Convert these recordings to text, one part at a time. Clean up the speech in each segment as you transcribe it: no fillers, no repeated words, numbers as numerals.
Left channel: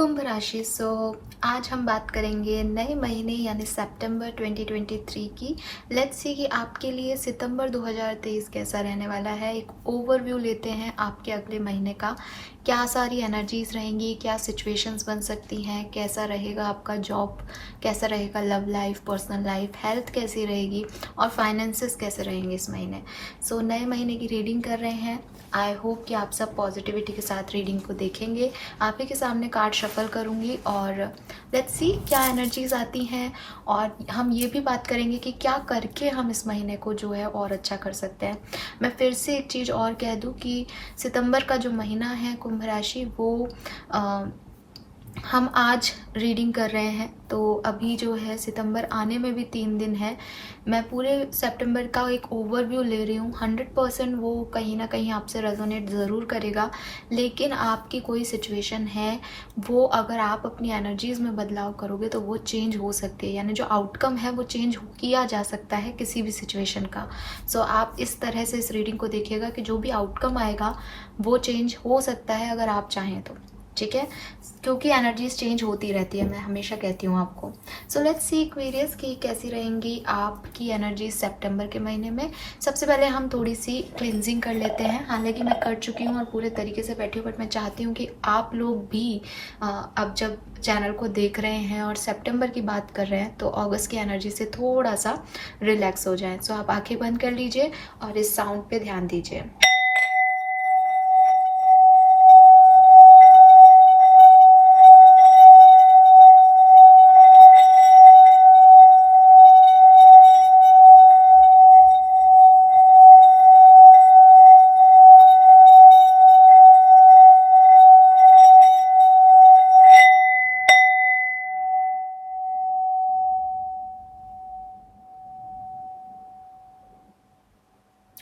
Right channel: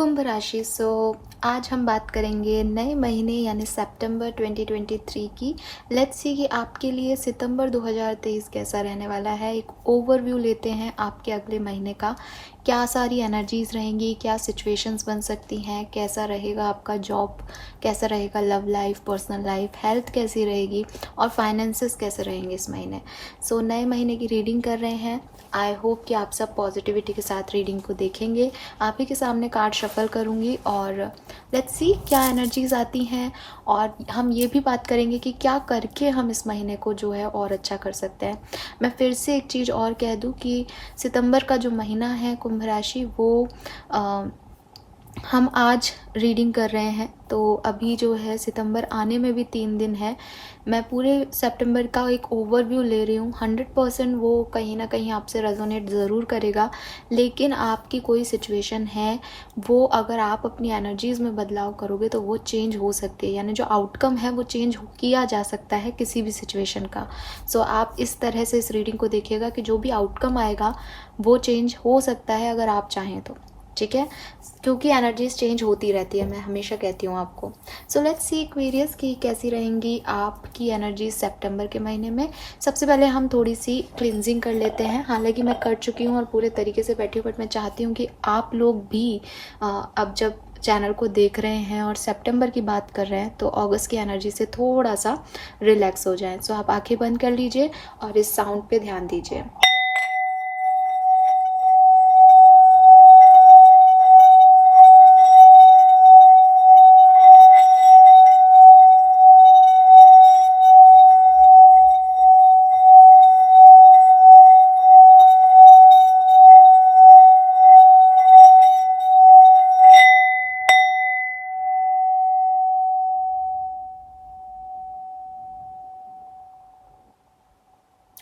कुंभ राशि। आज हम बात करेंगे नए महीने यानी सितंबर 2023 की। लेट्स सी कि आपके लिए सितंबर 2023 कैसा रहने वाला है। एक ओवरव्यू लेते हैं आपके अगले महीने का। क्या सारी एनर्जीज रहेंगी, क्या सिचुएशंस बन सकती हैं, कैसा रहेगा आपका जॉब, कैसा रहेगा love life, personal life, health कैसी रहेगी और फाइनेंसेस कैसे रहेंगे इस महीने। नए महीने की रीडिंग कर रहे हैं। आई होप कि आप सब पॉजिटिविटी के साथ रीडिंग को देखेंगे। आप ही के सामने कार्ड शफल करूँगी और लेट्स सी क्या एनर्जीज आती हैं। और हम ये भी बात करेंगे कि क्या करके हम इस महीने को जो है और अच्छा कर सकते हैं। मैं फिर से एक चीज़ और कह दूं कि सितंबर का जो महीना है कुंभ राशि वो हम आज रीडिंग कर रहे हैं, तो अभी जो है सितंबर आने में भी 3 दिन है। मैं पूरे सितंबर का एक ओवरव्यू ले रही हूँ। 100% वो कहीं ना कहीं आपसे रेजोनेट ज़रूर करेगा, लेकिन आपकी कोई सिचुएशन है वो अगर आप अपनी एनर्जीज़ में बदलाव करोगे तो वो चेंज हो सकती है, यानी जो आउटकम है वो चेंज किया जा सकता है किसी भी सिचुएशन का। आप इस तरह से इस रीडिंग को देखिएगा कि जो भी आउटकम आएगा वो चेंज हो सकता है अगर आप चाहें तो, ठीक है, क्योंकि एनर्जीज चेंज होती रहती है, मैं हमेशा कहती हूँ आपको। लेट्स सी एक्वेरियस की कैसी रहेंगी आपकी एनर्जीज सितंबर के महीने में। सबसे पहले हम थोड़ी सी क्लिनजिंग कर लेते हैं। हालांकि मैं कर चुकी हूँ और पूरे तरीके से बैठी हूँ, बट मैं चाहती हूँ कि आप लोग भी अब जब चैनल को देख रहे हैं और सितंबर की बात कर रहे हैं तो अगस्त की एनर्जी से थोड़ा सा रिलैक्स हो जाए। आप आंखें बंद कर लीजिए और इस साउंड पे ध्यान दीजिए।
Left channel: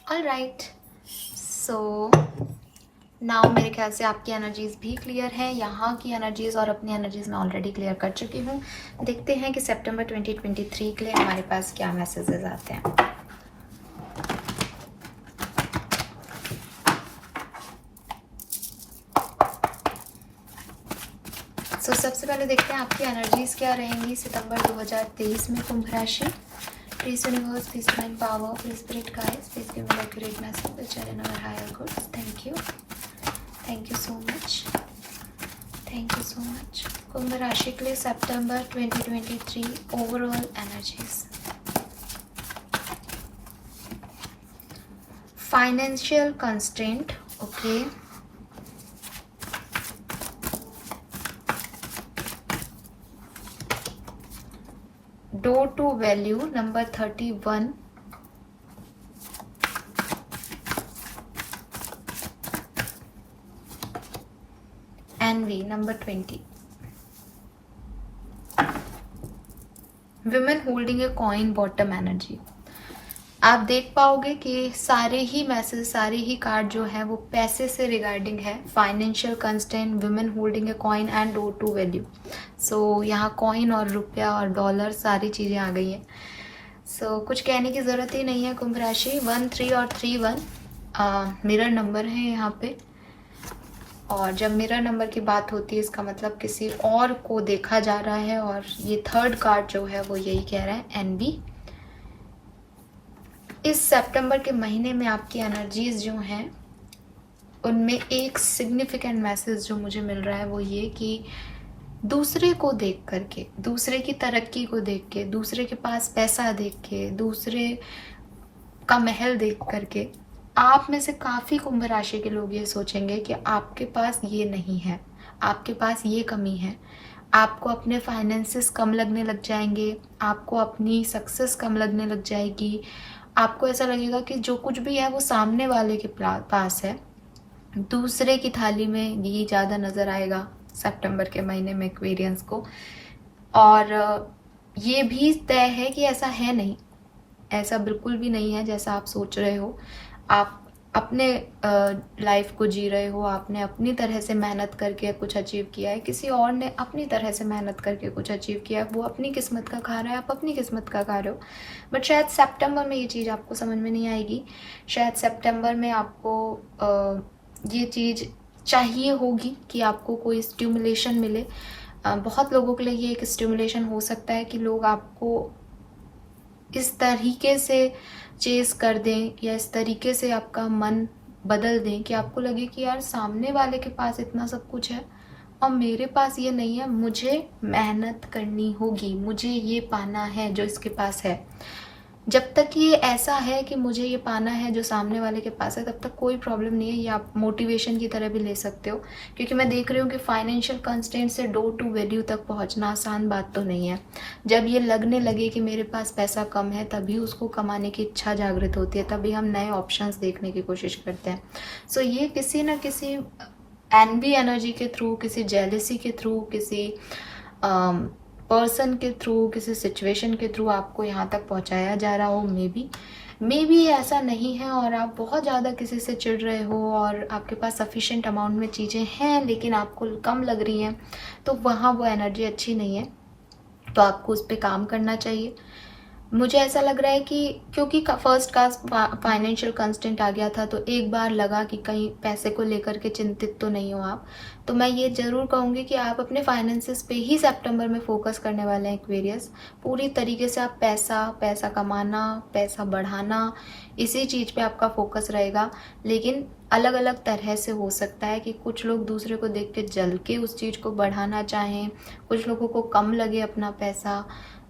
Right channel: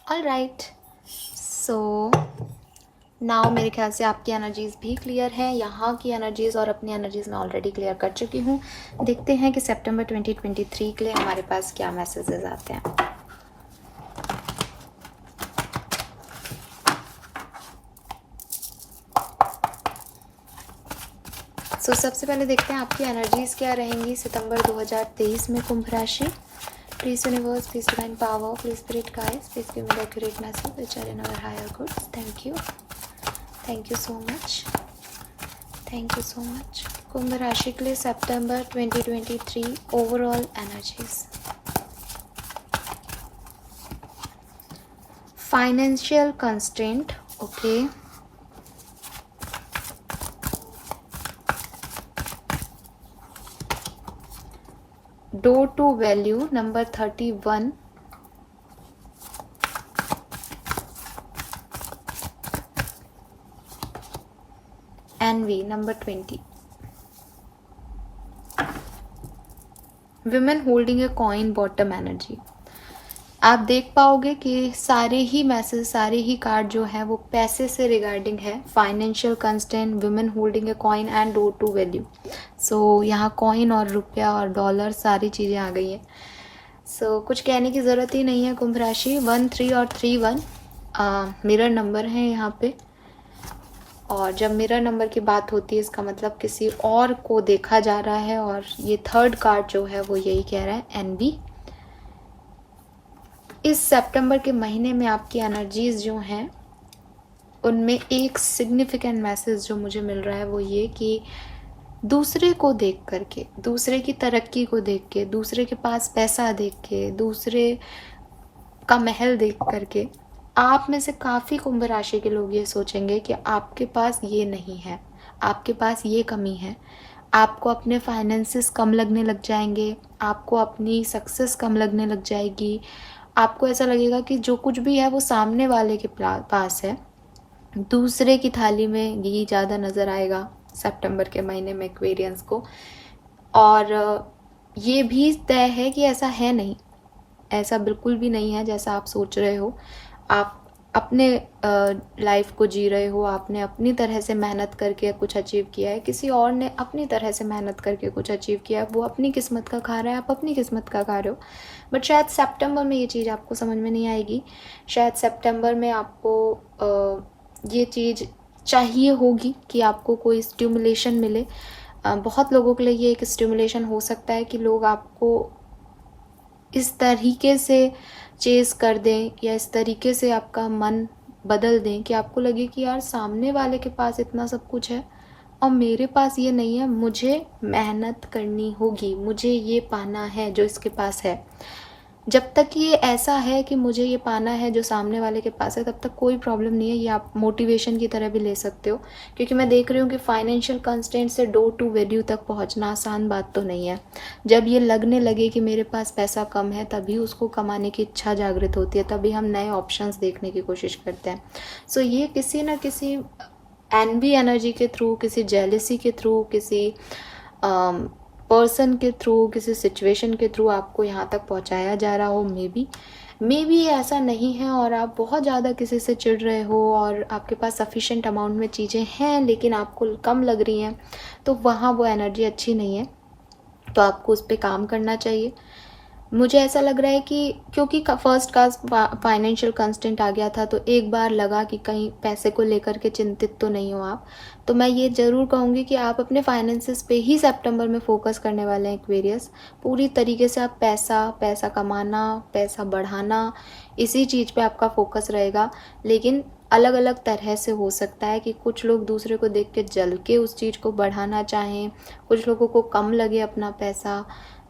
ऑल राइट, नाउ मेरे ख्याल से आपकी एनर्जीज भी क्लियर है। यहाँ की एनर्जीज और अपनी एनर्जीज मैं ऑलरेडी क्लियर कर चुकी हूँ। देखते हैं कि सितंबर 2023 के लिए हमारे पास क्या मैसेजेस आते हैं। सबसे पहले देखते हैं आपकी एनर्जीज क्या रहेंगी सितंबर 2023 में कुंभ राशि। Please universe, please divine power, please spirit guides, please give me the accurate message which are in our higher goods. Thank you. Thank you so much. Thank you so much. कुंभ राशि के लिए सितंबर 2023 overall energies. Financial constraint, okay. Door to value number 31, एनवी number 20, women holding a coin bottom energy. आप देख पाओगे कि सारे ही मैसेज, सारे ही कार्ड जो है वो पैसे से रिगार्डिंग है। Financial constant, women holding a coin and door to value. यहाँ कॉइन और रुपया और डॉलर सारी चीज़ें आ गई हैं। कुछ कहने की ज़रूरत ही नहीं है कुंभ राशि। 1, 3 और 3, 1 मिरर नंबर है यहाँ पे, और जब मिरर नंबर की बात होती है इसका मतलब किसी और को देखा जा रहा है, और ये थर्ड कार्ड जो है वो यही कह रहा है, एनबी। इस सितंबर के महीने में आपकी एनर्जीज जो हैं उनमें एक सिग्निफिकेंट मैसेज जो मुझे मिल रहा है वो ये कि दूसरे को देख करके, दूसरे की तरक्की को देख के, दूसरे के पास पैसा देख के, दूसरे का महल देख करके आप में से काफ़ी कुंभ राशि के लोग ये सोचेंगे कि आपके पास ये नहीं है, आपके पास ये कमी है। आपको अपने फाइनेंसेस कम लगने लग जाएंगे, आपको अपनी सक्सेस कम लगने लग जाएगी। आपको ऐसा लगेगा कि जो कुछ भी है वो सामने वाले के पास है, दूसरे की थाली में ये ज़्यादा नज़र आएगा सितंबर के महीने में एक्वेरियंस को। और ये भी तय है कि ऐसा है नहीं, ऐसा बिल्कुल भी नहीं है जैसा आप सोच रहे हो। आप अपने लाइफ को जी रहे हो, आपने अपनी तरह से मेहनत करके कुछ अचीव किया है, किसी और ने अपनी तरह से मेहनत करके कुछ अचीव किया है, वो अपनी किस्मत का खा रहा है, आप अपनी किस्मत का खा रहे हो। बट शायद सितंबर में ये चीज़ आपको समझ में नहीं आएगी। शायद सितंबर में आपको ये चीज़ चाहिए होगी कि आपको कोई स्टिमुलेशन मिले। बहुत लोगों के लिए ये एक स्टिमुलेशन हो सकता है कि लोग आपको इस तरीके से चेस कर दें या इस तरीके से आपका मन बदल दें कि आपको लगे कि यार सामने वाले के पास इतना सब कुछ है और मेरे पास ये नहीं है, मुझे मेहनत करनी होगी, मुझे ये पाना है जो इसके पास है। जब तक ये ऐसा है कि मुझे ये पाना है जो सामने वाले के पास है, तब तक कोई प्रॉब्लम नहीं है। ये आप मोटिवेशन की तरह भी ले सकते हो, क्योंकि मैं देख रही हूँ कि फाइनेंशियल कंस्ट्रेंट से डोर टू वैल्यू तक पहुँचना आसान बात तो नहीं है। जब ये लगने लगे कि मेरे पास पैसा कम है, तभी उसको कमाने की इच्छा जागृत होती है, तभी हम नए ऑप्शंस देखने की कोशिश करते हैं। सो ये किसी न किसी एनवी एनर्जी के थ्रू, किसी जेलिसी के थ्रू, किसी पर्सन के थ्रू, किसी सिचुएशन के थ्रू आपको यहाँ तक पहुँचाया जा रहा हो। मे बी ऐसा नहीं है और आप बहुत ज़्यादा किसी से चिढ़ रहे हो और आपके पास सफिशेंट अमाउंट में चीज़ें हैं लेकिन आपको कम लग रही हैं, तो वहाँ वो एनर्जी अच्छी नहीं है, तो आपको उस पर काम करना चाहिए। मुझे ऐसा लग रहा है कि क्योंकि फर्स्ट का फाइनेंशियल कंस्टेंट आ गया था, तो एक बार लगा कि कहीं पैसे को लेकर के चिंतित तो नहीं हो आप। तो मैं ये ज़रूर कहूँगी कि आप अपने फाइनेंसेस पे ही सितंबर में फोकस करने वाले हैं एक्वेरियस। पूरी तरीके से आप पैसा कमाना, पैसा बढ़ाना, इसी चीज़ पे आपका फोकस रहेगा। लेकिन अलग अलग तरह से हो सकता है कि कुछ लोग दूसरे को देख के जल के उस चीज़ को बढ़ाना चाहें, कुछ लोगों को कम लगे अपना पैसा,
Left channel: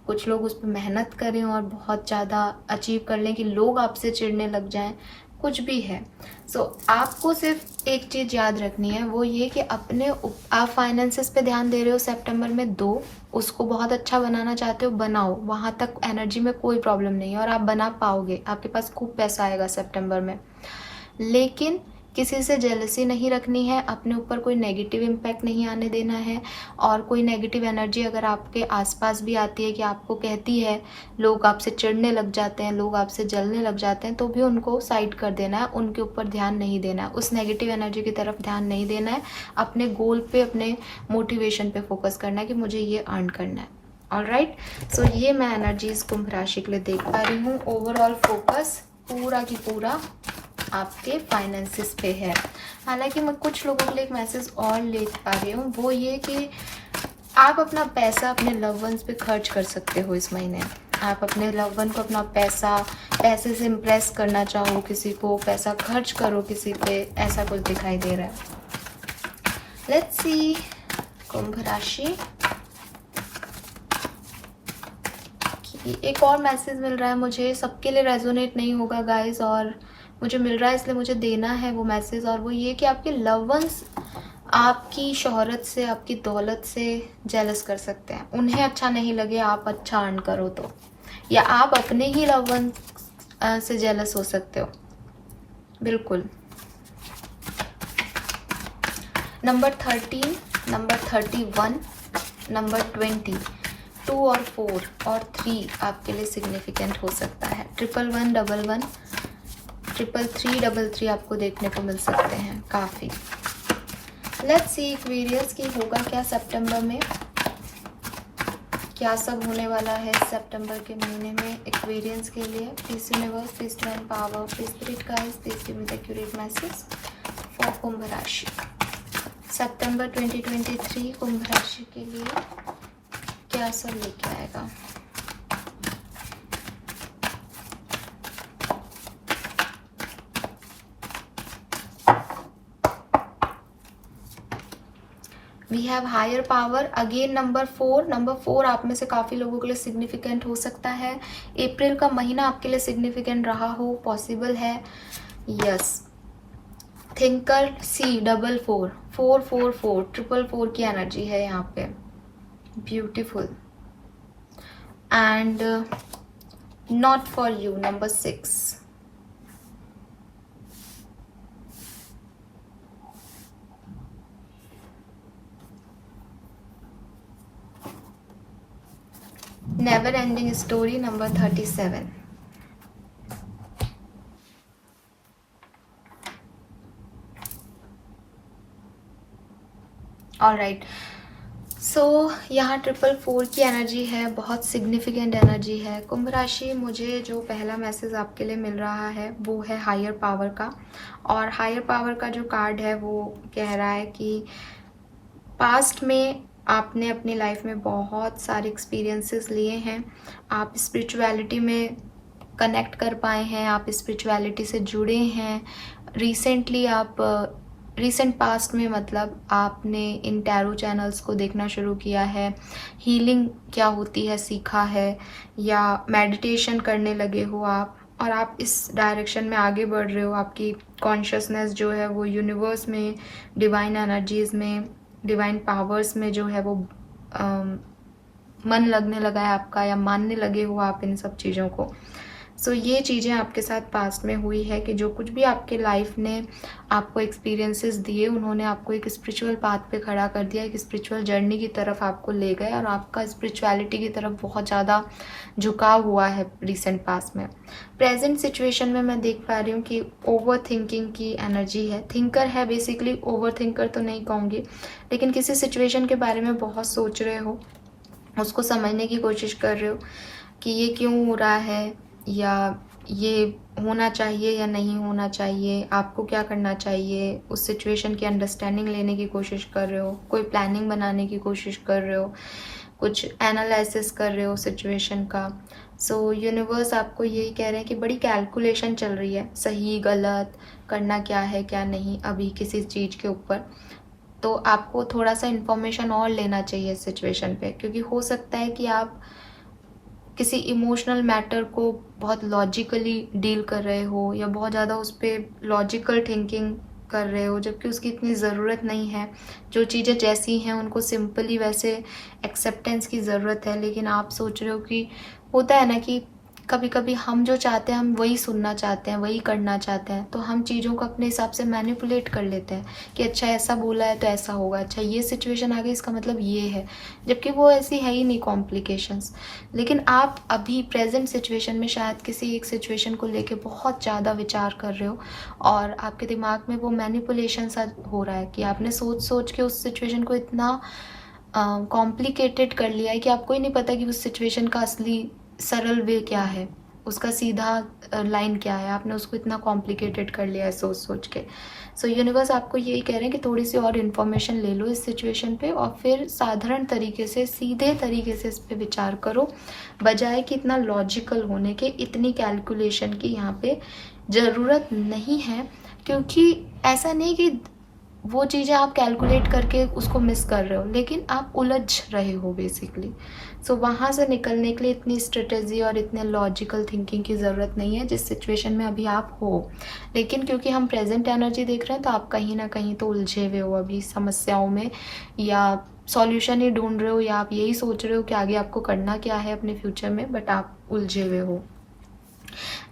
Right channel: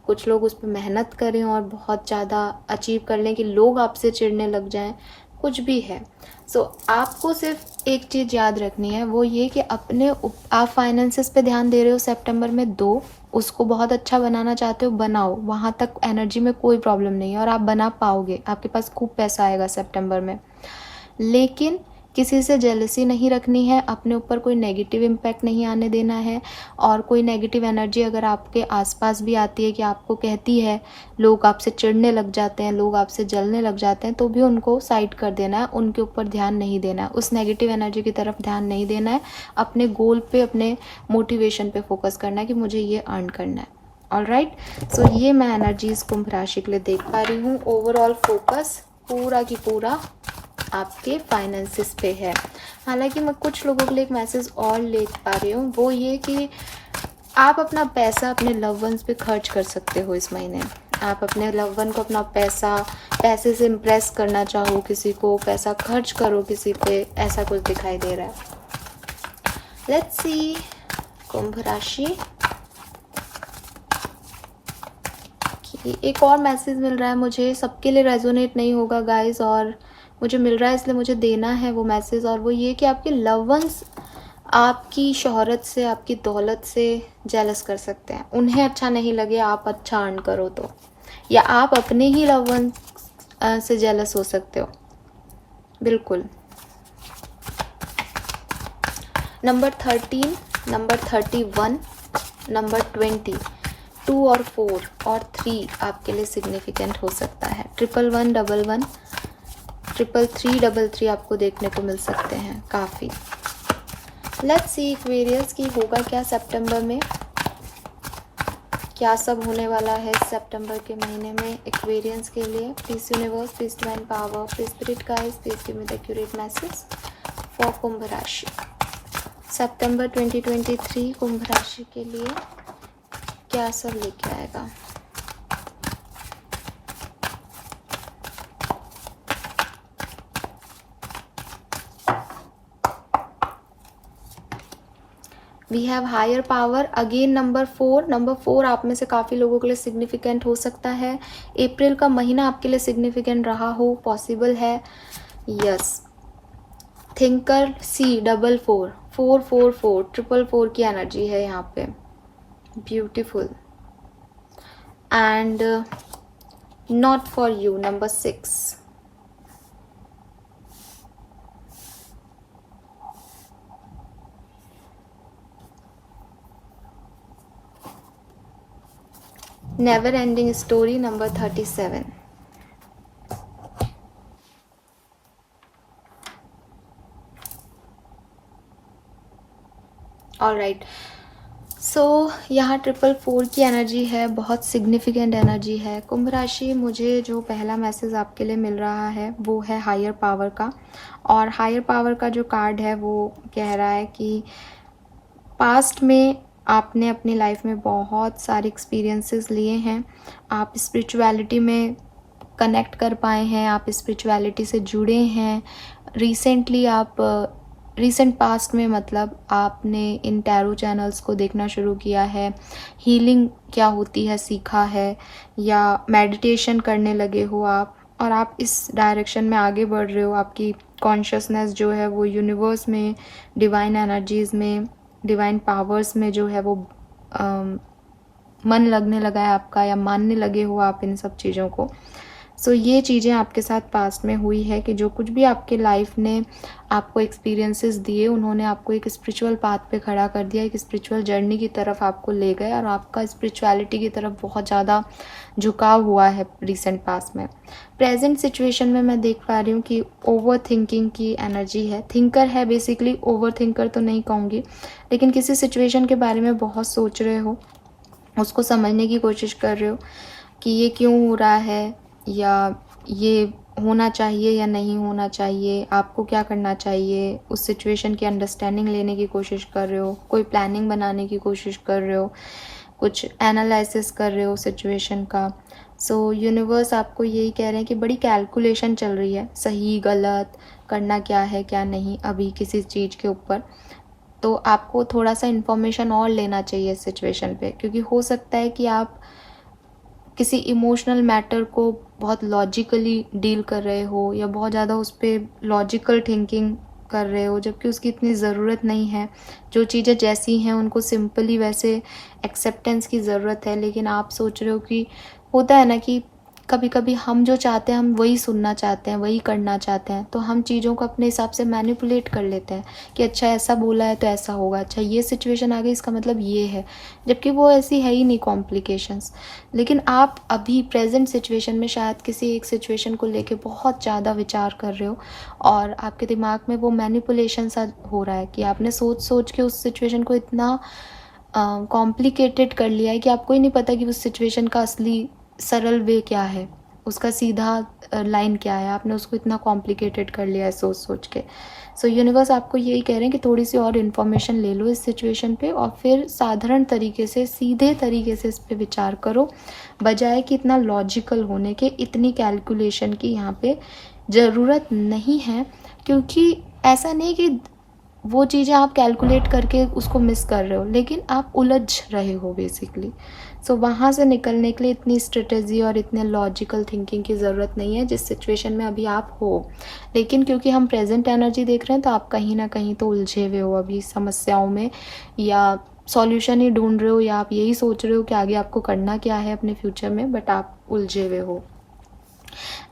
कुछ लोग उस पर मेहनत करें और बहुत ज़्यादा अचीव कर लें कि लोग आपसे चिढ़ने लग जाएं, कुछ भी है। सो आपको सिर्फ एक चीज़ याद रखनी है, वो ये कि आप फाइनेंसेस पे ध्यान दे रहे हो सितंबर में, दो, उसको बहुत अच्छा बनाना चाहते हो, बनाओ। वहाँ तक एनर्जी में कोई प्रॉब्लम नहीं है और आप बना पाओगे, आपके पास खूब पैसा आएगा सितंबर में। लेकिन किसी से जेलसी नहीं रखनी है, अपने ऊपर कोई नेगेटिव इम्पैक्ट नहीं आने देना है। और कोई नेगेटिव एनर्जी अगर आपके आसपास भी आती है कि आपको कहती है, लोग आपसे चिढ़ने लग जाते हैं, लोग आपसे जलने लग जाते हैं, तो भी उनको साइड कर देना है, उनके ऊपर ध्यान नहीं देना है, उस नेगेटिव एनर्जी की तरफ ध्यान नहीं देना है। अपने गोल पे, अपने मोटिवेशन पे फोकस करना है कि मुझे ये अर्न करना है। ऑलराइट, सो ये मैं एनर्जीज कुंभ राशि के लिए देख पा रही हूँ। ओवरऑल फोकस पूरा की पूरा आपके फाइनेंसेस पे है। हालांकि मैं कुछ लोगों के लिए एक मैसेज और ले पा रही हूँ, वो ये कि आप अपना पैसा अपने लव वंस पे खर्च कर सकते हो इस महीने। आप अपने लव वन को अपना पैसे से इम्प्रेस करना चाहो, किसी को पैसा खर्च करो किसी पे, ऐसा कुछ दिखाई दे रहा है। लेट्स सी कुंभ राशि, एक और मैसेज मिल रहा है मुझे, सबके लिए रेजोनेट नहीं होगा गाइस, और मुझे मिल रहा है इसलिए मुझे देना है वो मैसेज। और वो ये कि आपके लव वंस आपकी शोहरत से, आपकी दौलत से जेलस कर सकते हैं। उन्हें अच्छा नहीं लगे आप अच्छा अर्न करो तो, या आप अपने ही लव वंस से जेलस हो सकते हो, बिल्कुल। नंबर 13, नंबर 31, नंबर 20, 2 और 4 और 3 आपके लिए सिग्निफिकेंट हो सकता है। 1111, 333 आपको देखने को मिल सकते हैं काफ़ी। लेट्स सी एक्वेरियस की होगा क्या सितंबर में, क्या सब होने वाला है सितंबर के महीने में एक्वेरियंस के लिए। Please universe, please divine power, please spirit guides, please give me the accurate message for Kumbh राशि सितंबर 2023। कुंभ राशि के लिए क्या सब लेके आएगा। We have higher power again. Number 4 आप में से काफ़ी लोगों के लिए सिग्निफिकेंट हो सकता है। अप्रैल का महीना आपके लिए सिग्निफिकेंट रहा हो, पॉसिबल है, यस। थिंकर C44, 444, 444 की एनर्जी है यहाँ पे, beautiful. And not for you, number 6। Never ending story, number 37। Alright, so यहाँ 444 की एनर्जी है, बहुत सिग्निफिकेंट एनर्जी है। कुंभ राशि, मुझे जो पहला मैसेज आपके लिए मिल रहा है वो है हायर पावर का। और हायर पावर का जो कार्ड है वो कह रहा है कि पास्ट में आपने अपनी लाइफ में बहुत सारे एक्सपीरियंसेस लिए हैं, आप स्पिरिचुअलिटी में कनेक्ट कर पाए हैं, आप स्पिरिचुअलिटी से जुड़े हैं। रिसेंटली आप रिसेंट पास्ट में मतलब आपने इन टैरो चैनल्स को देखना शुरू किया है, हीलिंग क्या होती है सीखा है, या मेडिटेशन करने लगे हो आप, और आप इस डायरेक्शन में आगे बढ़ रहे हो। आपकी कॉन्शियसनेस जो है वो यूनिवर्स में, डिवाइन एनर्जीज में, डिवाइन पावर्स में जो है वो मन लगने लगा है आपका, या मानने लगे हो आप इन सब चीज़ों को। सो ये चीज़ें आपके साथ पास्ट में हुई है कि जो कुछ भी आपके लाइफ ने आपको एक्सपीरियंसेस दिए, उन्होंने आपको एक स्पिरिचुअल पाथ पे खड़ा कर दिया, एक स्पिरिचुअल जर्नी की तरफ आपको ले गए, और आपका स्पिरिचुअलिटी की तरफ बहुत ज़्यादा झुकाव हुआ है रिसेंट पास्ट में। प्रेजेंट सिचुएशन में मैं देख पा रही हूँ कि ओवर थिंकिंग की एनर्जी है। थिंकर है बेसिकली, ओवर थिंकर तो नहीं कहूँगी, लेकिन किसी सिचुएशन के बारे में बहुत सोच रहे हो, उसको समझने की कोशिश कर रहे हो कि ये क्यों हो रहा है, या ये होना चाहिए या नहीं होना चाहिए, आपको क्या करना चाहिए। उस सिचुएशन की अंडरस्टैंडिंग लेने की कोशिश कर रहे हो, कोई प्लानिंग बनाने की कोशिश कर रहे हो, कुछ एनालिसिस कर रहे हो सिचुएशन का। सो यूनिवर्स आपको यही कह रहे हैं कि बड़ी कैलकुलेशन चल रही है, सही गलत करना क्या है क्या नहीं अभी किसी चीज़ के ऊपर। तो आपको थोड़ा सा इन्फॉर्मेशन और लेना चाहिए इस सिचुएशन पे, क्योंकि हो सकता है कि आप किसी इमोशनल मैटर को बहुत लॉजिकली डील कर रहे हो, या बहुत ज़्यादा उस पर लॉजिकल थिंकिंग कर रहे हो, जबकि उसकी इतनी ज़रूरत नहीं है। जो चीज़ें जैसी हैं उनको सिंपली वैसे एक्सेप्टेंस की ज़रूरत है, लेकिन आप सोच रहे हो कि होता है ना कि कभी कभी हम जो चाहते हैं हम वही सुनना चाहते हैं, वही करना चाहते हैं, तो हम चीज़ों को अपने हिसाब से मैनिपुलेट कर लेते हैं कि अच्छा ऐसा बोला है तो ऐसा होगा, अच्छा ये सिचुएशन आ गई इसका मतलब ये है, जबकि वो ऐसी है ही नहीं कॉम्प्लिकेशंस। लेकिन आप अभी प्रेजेंट सिचुएशन में शायद किसी एक सिचुएशन को लेके बहुत ज़्यादा विचार कर रहे हो, और आपके दिमाग में वो मैनिपुलेशन सा हो रहा है कि आपने सोच सोच के उस सिचुएशन को इतना कॉम्प्लिकेटेड कर लिया है कि आपको ही नहीं पता कि उस सिचुएशन का असली सरल वे क्या है, उसका सीधा लाइन क्या है। आपने उसको इतना कॉम्प्लिकेटेड कर लिया है सोच सोच के। सो यूनिवर्स आपको यही कह रहे हैं कि थोड़ी सी और इन्फॉर्मेशन ले लो इस सिचुएशन पे, और फिर साधारण तरीके से, सीधे तरीके से इस पे विचार करो, बजाय कि इतना लॉजिकल होने के, इतनी कैलकुलेशन की यहाँ पे ज़रूरत नहीं है। क्योंकि ऐसा नहीं कि वो चीज़ें आप कैलकुलेट करके उसको मिस कर रहे हो, लेकिन आप उलझ रहे हो बेसिकली। सो वहाँ से निकलने के लिए इतनी स्ट्रेटेजी और इतने लॉजिकल थिंकिंग की ज़रूरत नहीं है जिस सिचुएशन में अभी आप हो। लेकिन क्योंकि हम प्रेजेंट एनर्जी देख रहे हैं, तो आप कहीं ना कहीं तो उलझे हुए हो अभी समस्याओं में, या सॉल्यूशन ही ढूंढ रहे हो, या आप यही सोच रहे हो कि आगे आपको करना क्या है अपने फ्यूचर में, बट आप उलझे हुए हो।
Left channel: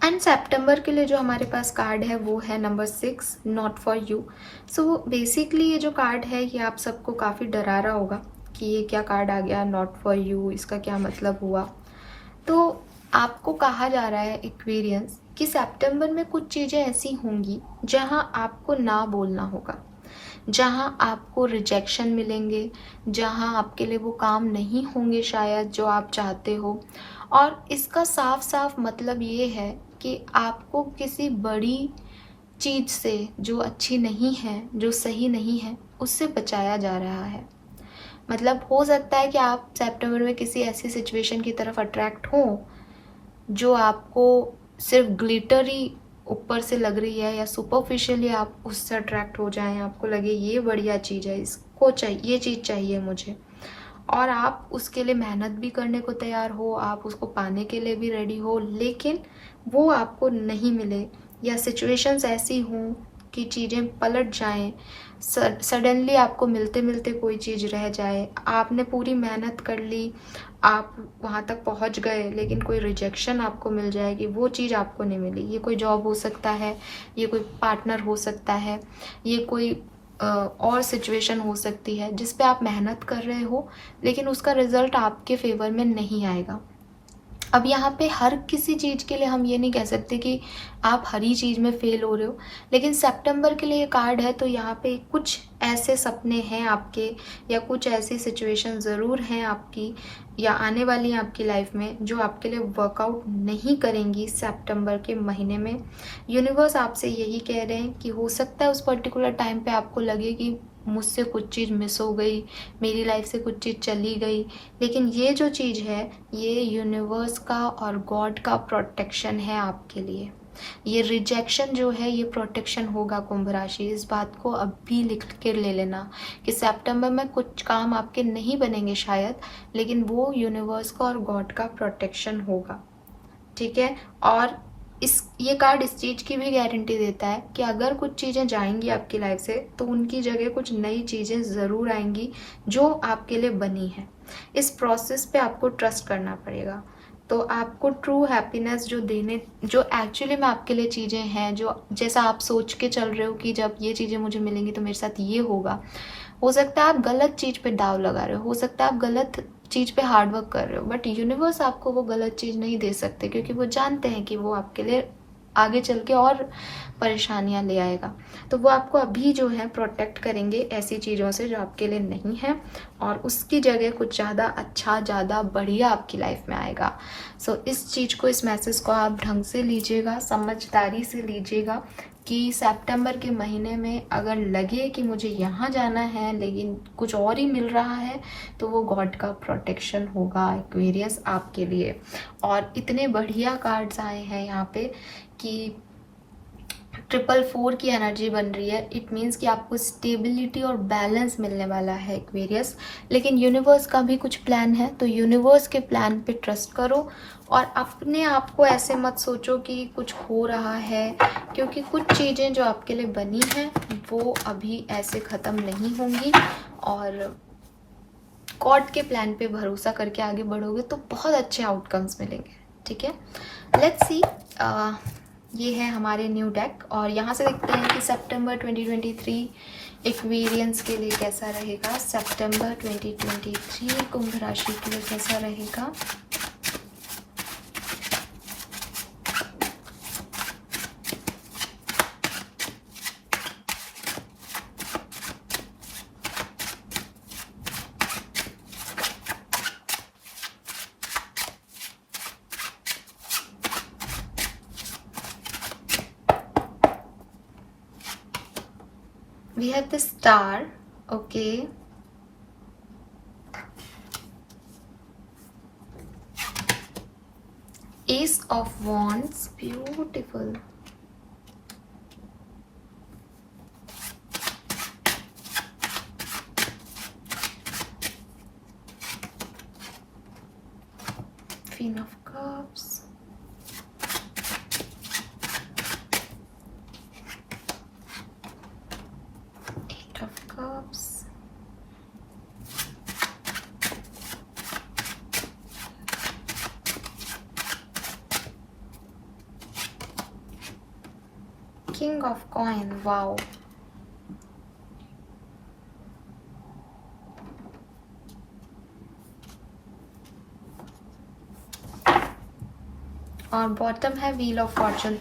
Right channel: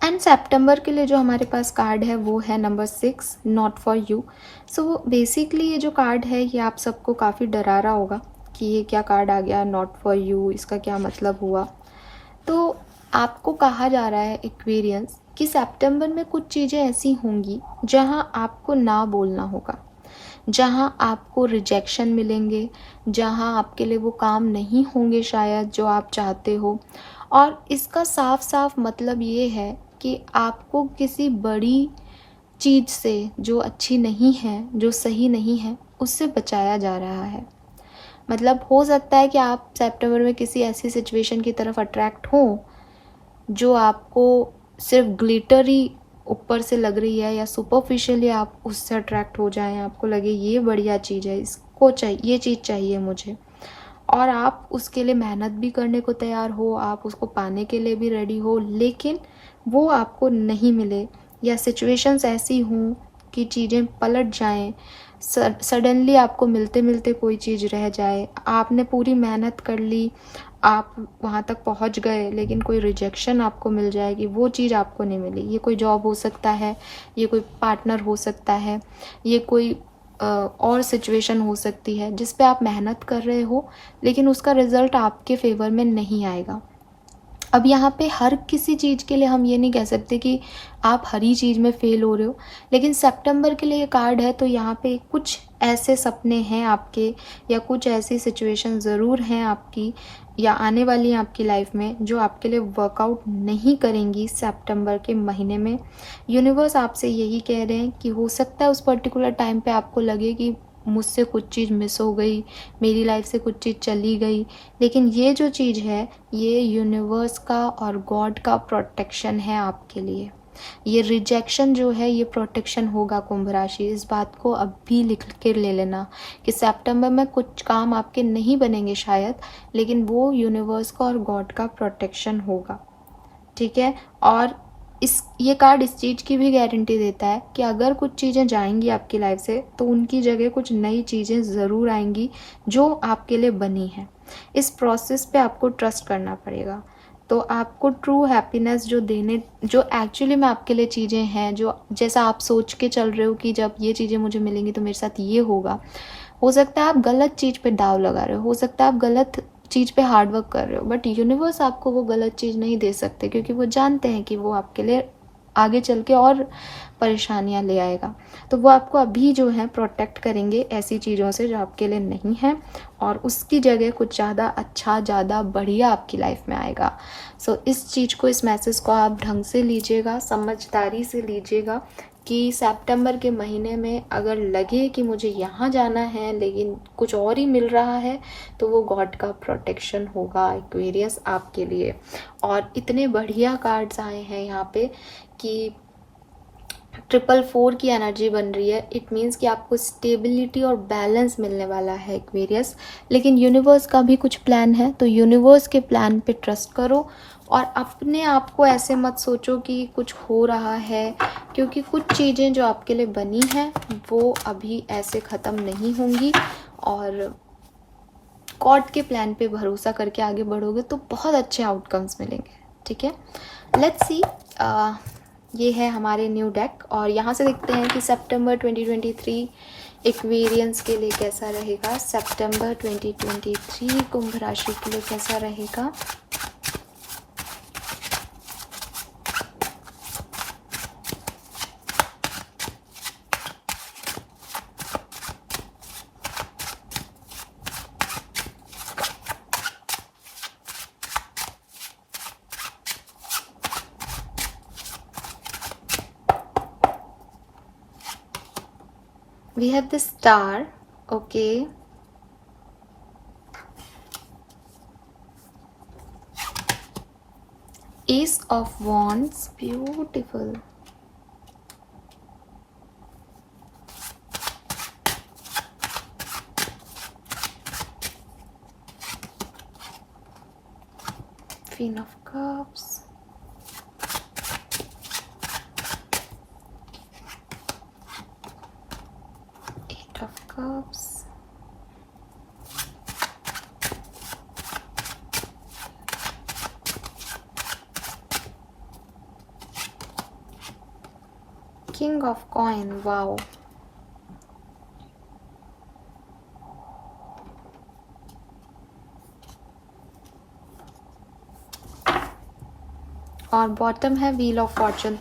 एंड सितंबर के लिए जो हमारे पास कार्ड है वो है number 6, not for you. So basically ये जो कार्ड है ये आप सबको काफ़ी डरा रहा होगा कि ये क्या कार्ड आ गया, नॉट फॉर यू, इसका क्या मतलब हुआ। तो आपको कहा जा रहा है एक्वेरियंस कि सितंबर में कुछ चीज़ें ऐसी होंगी जहां आपको ना बोलना होगा, जहां आपको रिजेक्शन मिलेंगे, जहां आपके लिए वो काम नहीं होंगे शायद जो आप चाहते हो। और इसका साफ साफ मतलब ये है कि आपको किसी बड़ी चीज़ से जो अच्छी नहीं है, जो सही नहीं है, उससे बचाया जा रहा है। मतलब हो सकता है कि आप सितंबर में किसी ऐसी सिचुएशन की तरफ अट्रैक्ट हो जो आपको सिर्फ ग्लिटरी ऊपर से लग रही है, या सुपरफिशियली आप उससे अट्रैक्ट हो जाएं, आपको लगे ये बढ़िया चीज़ है, इसको चाहिए, ये चीज़ चाहिए मुझे, और आप उसके लिए मेहनत भी करने को तैयार हो, आप उसको पाने के लिए भी रेडी हो, लेकिन वो आपको नहीं मिले, या सिचुएशंस ऐसी हों कि चीज़ें पलट जाएं, सडनली आपको मिलते मिलते कोई चीज़ रह जाए, आपने पूरी मेहनत कर ली, आप वहाँ तक पहुँच गए, लेकिन कोई रिजेक्शन आपको मिल जाएगी, वो चीज़ आपको नहीं मिली। ये कोई जॉब हो सकता है, ये कोई पार्टनर हो सकता है, ये कोई और सिचुएशन हो सकती है जिस पे आप मेहनत कर रहे हो, लेकिन उसका रिजल्ट आपके फेवर में नहीं आएगा। अब यहाँ पे हर किसी चीज़ के लिए हम ये नहीं कह सकते कि आप हर ही चीज़ में फेल हो रहे हो, लेकिन सितंबर के लिए ये कार्ड है तो यहाँ पे कुछ ऐसे सपने हैं आपके, या कुछ ऐसी सिचुएशन ज़रूर हैं आपकी या आने वाली हैं आपकी लाइफ में जो आपके लिए वर्कआउट नहीं करेंगी सितंबर के महीने में। यूनिवर्स आपसे यही कह रहे हैं कि हो सकता है उस पर्टिकुलर टाइम पे आपको लगे कि मुझसे कुछ चीज़ मिस हो गई, मेरी लाइफ से कुछ चीज़ चली गई, लेकिन ये जो चीज़ है ये यूनिवर्स का और गॉड का प्रोटेक्शन है आपके लिए। ये रिजेक्शन जो है ये प्रोटेक्शन होगा कुंभ राशि, इस बात को अभी लिख के ले लेना कि सितंबर में कुछ काम आपके नहीं बनेंगे शायद, लेकिन वो यूनिवर्स का और गॉड का प्रोटेक्शन होगा, ठीक है। और ये कार्ड इस चीज़ की भी गारंटी देता है कि अगर कुछ चीज़ें जाएंगी आपकी लाइफ से तो उनकी जगह कुछ नई चीज़ें ज़रूर आएंगी जो आपके लिए बनी हैं। इस प्रोसेस पे आपको ट्रस्ट करना पड़ेगा। तो आपको ट्रू हैप्पीनेस जो एक्चुअली में आपके लिए चीज़ें हैं, जो जैसा आप सोच के चल रहे हो कि जब ये चीज़ें मुझे मिलेंगी तो मेरे साथ ये होगा, हो सकता है आप गलत चीज़ पे दाव लगा रहे हो सकता है आप गलत चीज़ पे हार्ड वर्क कर रहे हो, बट यूनिवर्स आपको वो गलत चीज़ नहीं दे सकते क्योंकि वो जानते हैं कि वो आपके लिए आगे चल के और परेशानियां ले आएगा। तो वो आपको अभी जो है प्रोटेक्ट करेंगे ऐसी चीज़ों से जो आपके लिए नहीं है, और उसकी जगह कुछ ज़्यादा अच्छा, ज़्यादा बढ़िया आपकी लाइफ में आएगा। सो इस चीज़ को, इस मैसेज को आप ढंग से लीजिएगा, समझदारी से लीजिएगा कि सितंबर के महीने में अगर लगे कि मुझे यहाँ जाना है लेकिन कुछ और ही मिल रहा है तो वो गॉड का प्रोटेक्शन होगा एक्वेरियस आपके लिए। और इतने बढ़िया कार्ड्स आए हैं यहाँ पे कि 444 की एनर्जी बन रही है। इट मीन्स कि आपको स्टेबिलिटी और बैलेंस मिलने वाला है एक्वेरियस, लेकिन यूनिवर्स का भी कुछ प्लान है, तो यूनिवर्स के प्लान पे ट्रस्ट करो और अपने आप को ऐसे मत सोचो कि कुछ हो रहा है, क्योंकि कुछ चीज़ें जो आपके लिए बनी हैं वो अभी ऐसे ख़त्म नहीं होंगी, और गॉड के प्लान पे भरोसा करके आगे बढ़ोगे तो बहुत अच्छे आउटकम्स मिलेंगे, ठीक है। लेट्स सी, ये है हमारे न्यू डेक, और यहाँ से देखते हैं कि सितंबर 2023 एक्वेरियंस के लिए कैसा रहेगा। सितंबर 2023 कुंभ राशि के लिए कैसा रहेगा। We have the star, okay. Ace of Wands, beautiful. Queen of Cups. Cups. King of Coin, wow. और बॉटम है wheel of fortune.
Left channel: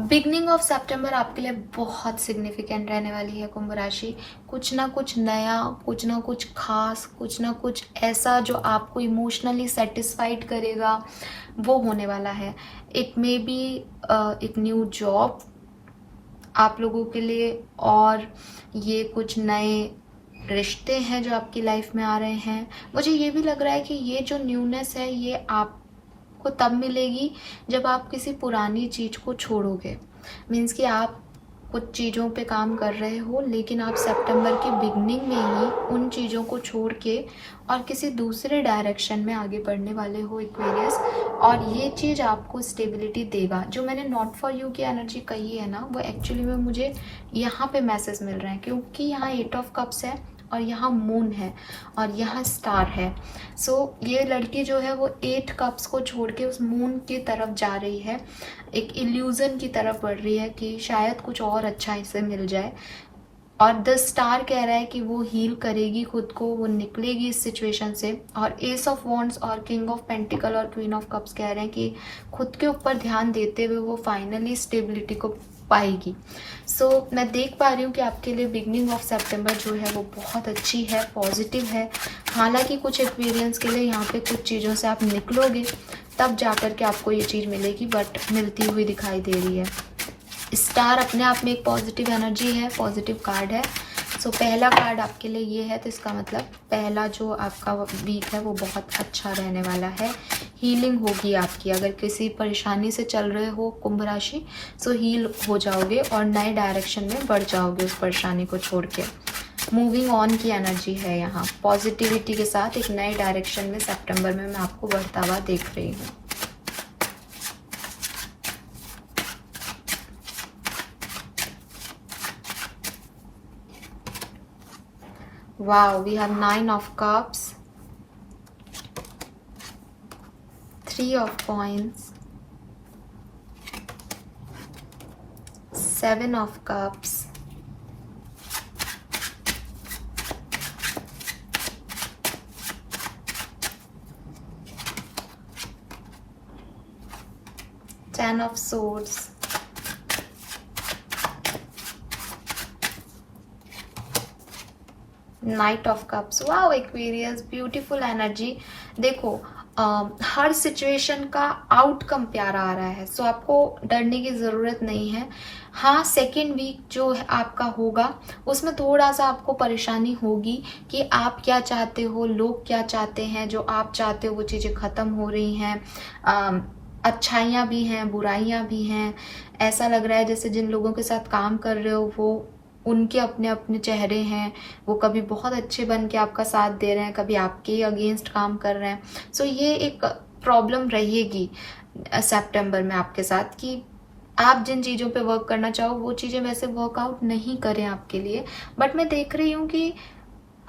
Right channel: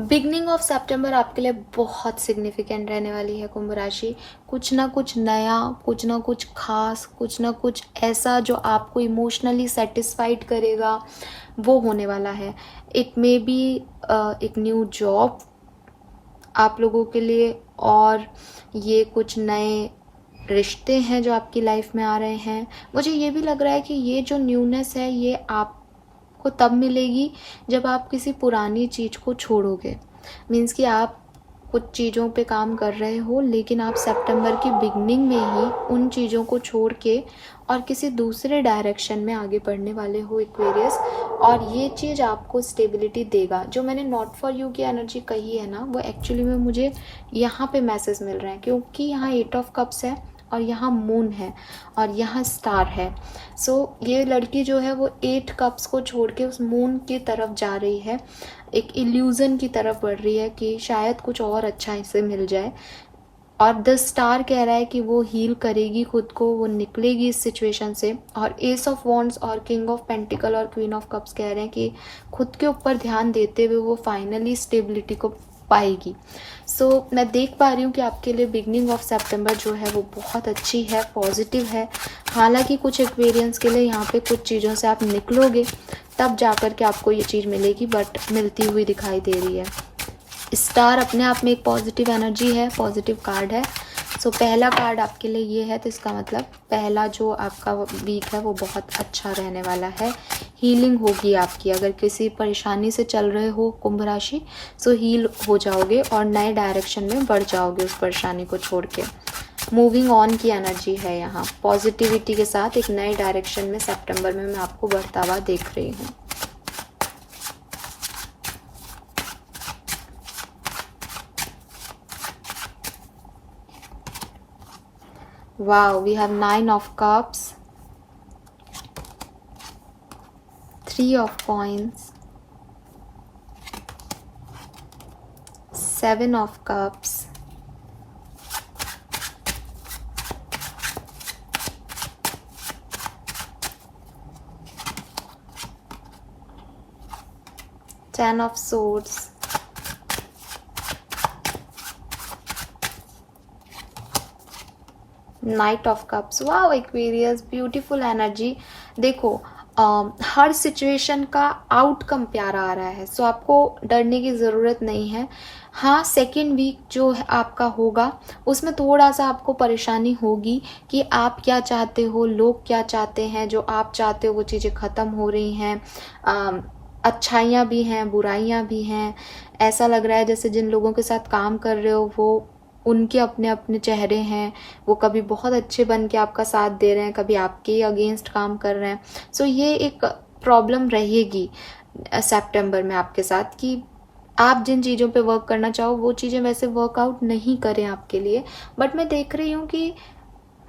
Beginning of सितंबर आपके लिए बहुत सिग्निफिकेंट रहने वाली है कुंभ राशि। कुछ ना कुछ नया, कुछ ना कुछ खास, कुछ ना कुछ ऐसा जो आपको इमोशनली सेटिस्फाइड करेगा वो होने वाला है। इट मे बी एक न्यू जॉब आप लोगों के लिए, और ये कुछ नए रिश्ते हैं जो आपकी लाइफ में आ रहे हैं। मुझे ये भी लग रहा है कि ये जो न्यूनेस है ये आपको तब मिलेगी जब आप किसी पुरानी चीज़ को छोड़ोगे। मीन्स कि आप कुछ चीज़ों पे काम कर रहे हो लेकिन आप सितंबर की बिगनिंग में ही उन चीज़ों को छोड़ के और किसी दूसरे डायरेक्शन में आगे बढ़ने वाले हो एक्वेरियस, और ये चीज़ आपको स्टेबिलिटी देगा। जो मैंने नॉट फॉर यू की एनर्जी कही है ना, वो एक्चुअली में मुझे यहाँ पे मैसेज मिल रहे हैं, क्योंकि यहाँ 8 ऑफ कप्स है और यहाँ मून है और यहाँ स्टार है। सो ये लड़की जो है वो 8 कप्स को छोड़ के उस मून की तरफ जा रही है, एक इल्यूज़न की तरफ बढ़ रही है कि शायद कुछ और अच्छा इससे मिल जाए। और द स्टार कह रहा है कि वो हील करेगी खुद को, वो निकलेगी इस सिचुएशन से। और एस ऑफ वॉन्ड्स और किंग ऑफ पेंटिकल और क्वीन ऑफ कप्स कह रहे हैं कि खुद के ऊपर ध्यान देते हुए वो फाइनली स्टेबिलिटी को पाएगी। सो मैं देख पा रही हूँ कि आपके लिए बिगनिंग ऑफ सितंबर जो है वो बहुत अच्छी है, पॉजिटिव है। हालांकि कुछ एक्सपीरियंस के लिए यहाँ पे कुछ चीज़ों से आप निकलोगे तब जाकर के आपको ये चीज़ मिलेगी, बट मिलती हुई दिखाई दे रही है। स्टार अपने आप में एक पॉजिटिव एनर्जी है, पॉजिटिव कार्ड है। सो पहला कार्ड आपके लिए ये है, तो इसका मतलब पहला जो आपका वीक है वो बहुत अच्छा रहने वाला है। हीलिंग होगी आपकी, अगर किसी परेशानी से चल रहे हो कुंभ राशि, सो हील हो जाओगे और नए डायरेक्शन में बढ़ जाओगे उस परेशानी को छोड़ के। मूविंग ऑन की एनर्जी है यहाँ, पॉजिटिविटी के साथ एक नए डायरेक्शन में सितंबर में मैं आपको बढ़ता हुआ देख रही हूँ। Wow, we have 9 of cups, 3 of coins, 7 of cups, 10 of swords, night of cups. Wow Aquarius, beautiful energy. देखो हर सिचुएशन का आउटकम प्यारा आ रहा है, सो आपको डरने की ज़रूरत नहीं है। हाँ, सेकेंड वीक जो है आपका होगा उसमें थोड़ा सा आपको परेशानी होगी कि आप क्या चाहते हो, लोग क्या चाहते हैं, जो आप चाहते हो वो चीज़ें ख़त्म हो रही हैं। अच्छाइयाँ भी हैं, बुराइयाँ भी हैं। ऐसा लग रहा है जैसे जिन लोगों के साथ काम कर रहे हो वो उनके अपने अपने चेहरे हैं, वो कभी बहुत अच्छे बन के आपका साथ दे रहे हैं, कभी आपके अगेंस्ट काम कर रहे हैं। सो ये एक प्रॉब्लम रहेगी सितंबर में आपके साथ कि आप जिन चीज़ों पे वर्क करना चाहो वो चीज़ें वैसे वर्कआउट नहीं करें आपके लिए। बट मैं देख रही हूँ कि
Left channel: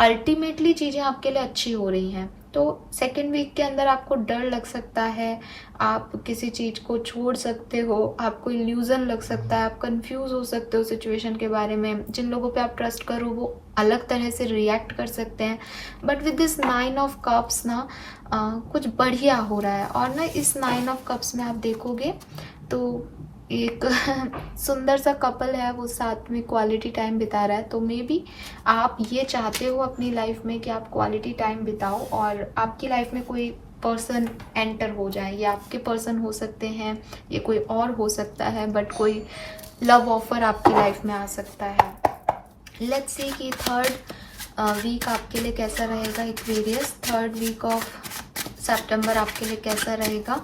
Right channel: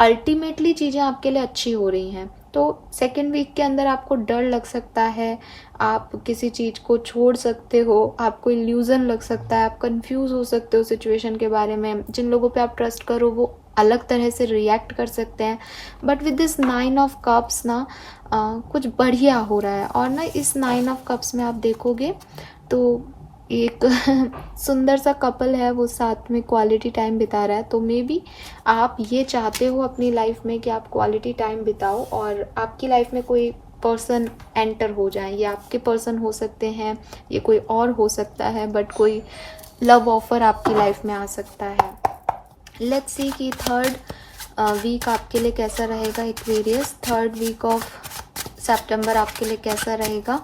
अल्टीमेटली चीज़ें आपके लिए अच्छी हो रही हैं। तो सेकेंड वीक के अंदर आपको डर लग सकता है, आप किसी चीज़ को छोड़ सकते हो, आपको इल्यूज़न लग सकता है, आप कंफ्यूज हो सकते हो सिचुएशन के बारे में। जिन लोगों पे आप ट्रस्ट करो वो अलग तरह से रिएक्ट कर सकते हैं। But with this 9 of cups ना कुछ बढ़िया हो रहा है। और ना इस 9 ऑफ कप्स में आप देखोगे तो एक सुंदर सा कपल है, वो साथ में क्वालिटी टाइम बिता रहा है। तो मे बी आप ये चाहते हो अपनी लाइफ में कि आप क्वालिटी टाइम बिताओ और आपकी लाइफ में कोई पर्सन एंटर हो जाए। ये आपके पर्सन हो सकते हैं, ये कोई और हो सकता है, बट कोई लव ऑफर आपकी लाइफ में आ सकता है। लेट्स सी कि थर्ड वीक आपके लिए कैसा रहेगा एक्वेरियस। थर्ड वीक ऑफ सितंबर आपके लिए कैसा रहेगा,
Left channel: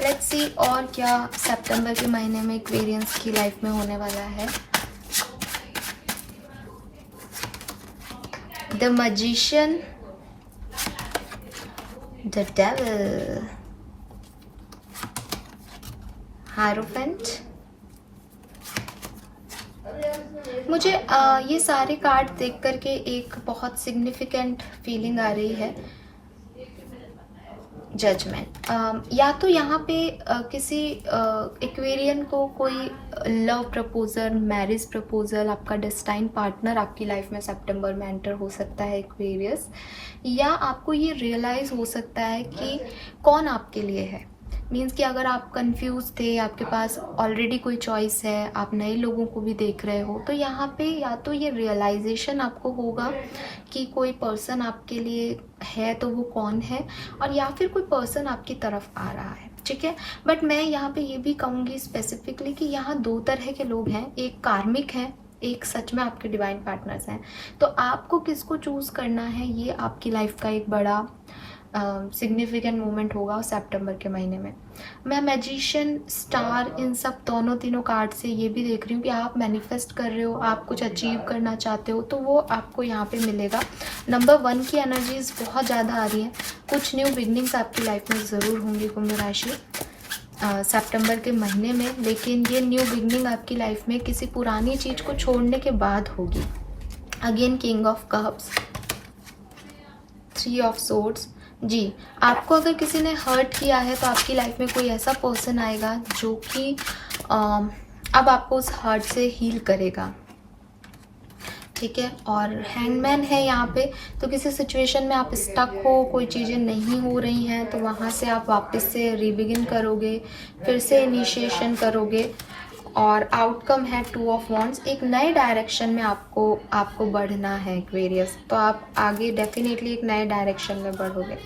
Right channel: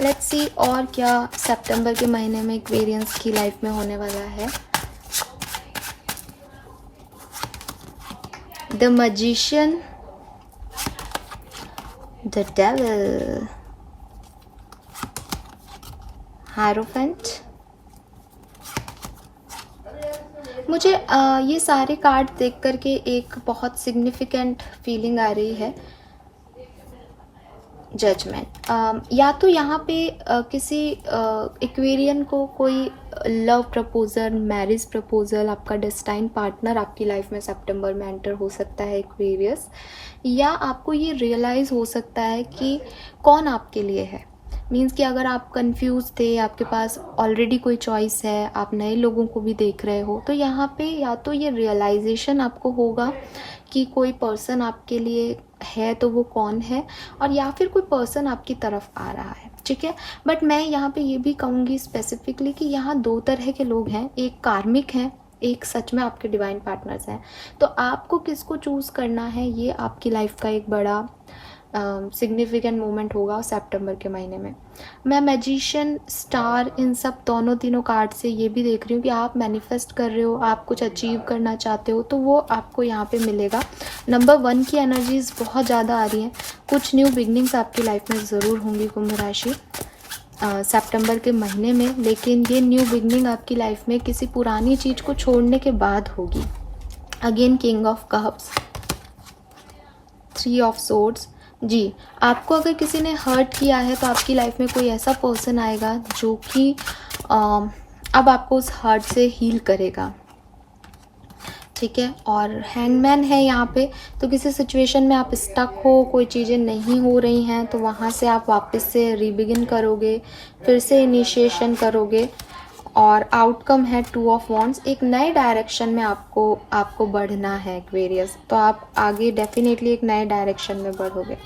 लेट्स सी। और क्या सितंबर के महीने में एक्वेरियंस की लाइफ में होने वाला है। The magician, the devil, hierophant. मुझे ये सारे कार्ड देख करके एक बहुत सिग्निफिकेंट फीलिंग आ रही है, जजमेंट। या तो यहाँ पे किसी एक्वेरियन को कोई लव प्रपोजल, मैरिज प्रपोजल, आपका डेस्टाइन पार्टनर आपकी लाइफ में सितंबर में एंटर हो सकता है एक्वेरियस। या आपको ये रियलाइज़ हो सकता है कि कौन आपके लिए है। मीन्स कि अगर आप कंफ्यूज थे, आपके पास ऑलरेडी कोई चॉइस है, आप नए लोगों को भी देख रहे हो, तो यहाँ पे या तो ये रियलाइजेशन आपको होगा कि कोई पर्सन आपके लिए है तो वो कौन है, और या फिर कोई पर्सन आपकी तरफ आ रहा है, ठीक है। बट मैं यहाँ पे ये भी कहूँगी स्पेसिफिकली कि यहाँ दो तरह के लोग हैं, एक कार्मिक है, एक सच में आपके डिवाइन पार्टनर्स हैं। तो आपको किसको चूज़ करना है ये आपकी लाइफ का एक बड़ा सिग्निफिकेंट मोमेंट होगा सितंबर के महीने में। मैं मैजिशियन, स्टार, इन सब दोनों तीनों कार्ड से ये भी देख रही हूँ कि आप मैनिफेस्ट कर रहे हो, आप कुछ अचीव करना चाहते हो, तो वो आपको यहाँ पे मिलेगा। नंबर 1 की एनर्जीज बहुत ज़्यादा आ रही हैं। कुछ न्यू बिगनिंग्स आपकी लाइफ में ज़रूर होंगी कुंभ राशि सितंबर के महीने में, लेकिन ये न्यू बिगनिंग आपकी लाइफ में किसी पुरानी चीज़ को छोड़ने के बाद होगी। Again king of cups, 3 of swords. जी, आपको अगर किसी ने हर्ट किया है तो आपकी लाइफ में कोई ऐसा पर्सन आएगा जो कि अब आपको उस हर्ट से हील करेगा। ठीक है। और हैंगमैन है यहाँ पे, तो किसी सिचुएशन में आप स्टक हो, कोई चीज़ें नहीं हो रही हैं, तो वहाँ से आप वापस से रीबिगिन करोगे, फिर से इनिशिएशन करोगे। और आउटकम है 2 ऑफ वॉन्ड्स, एक नए डायरेक्शन में आपको आपको बढ़ना है एक्वेरियस, तो आप आगे डेफिनेटली एक नए डायरेक्शन में बढ़ोगे।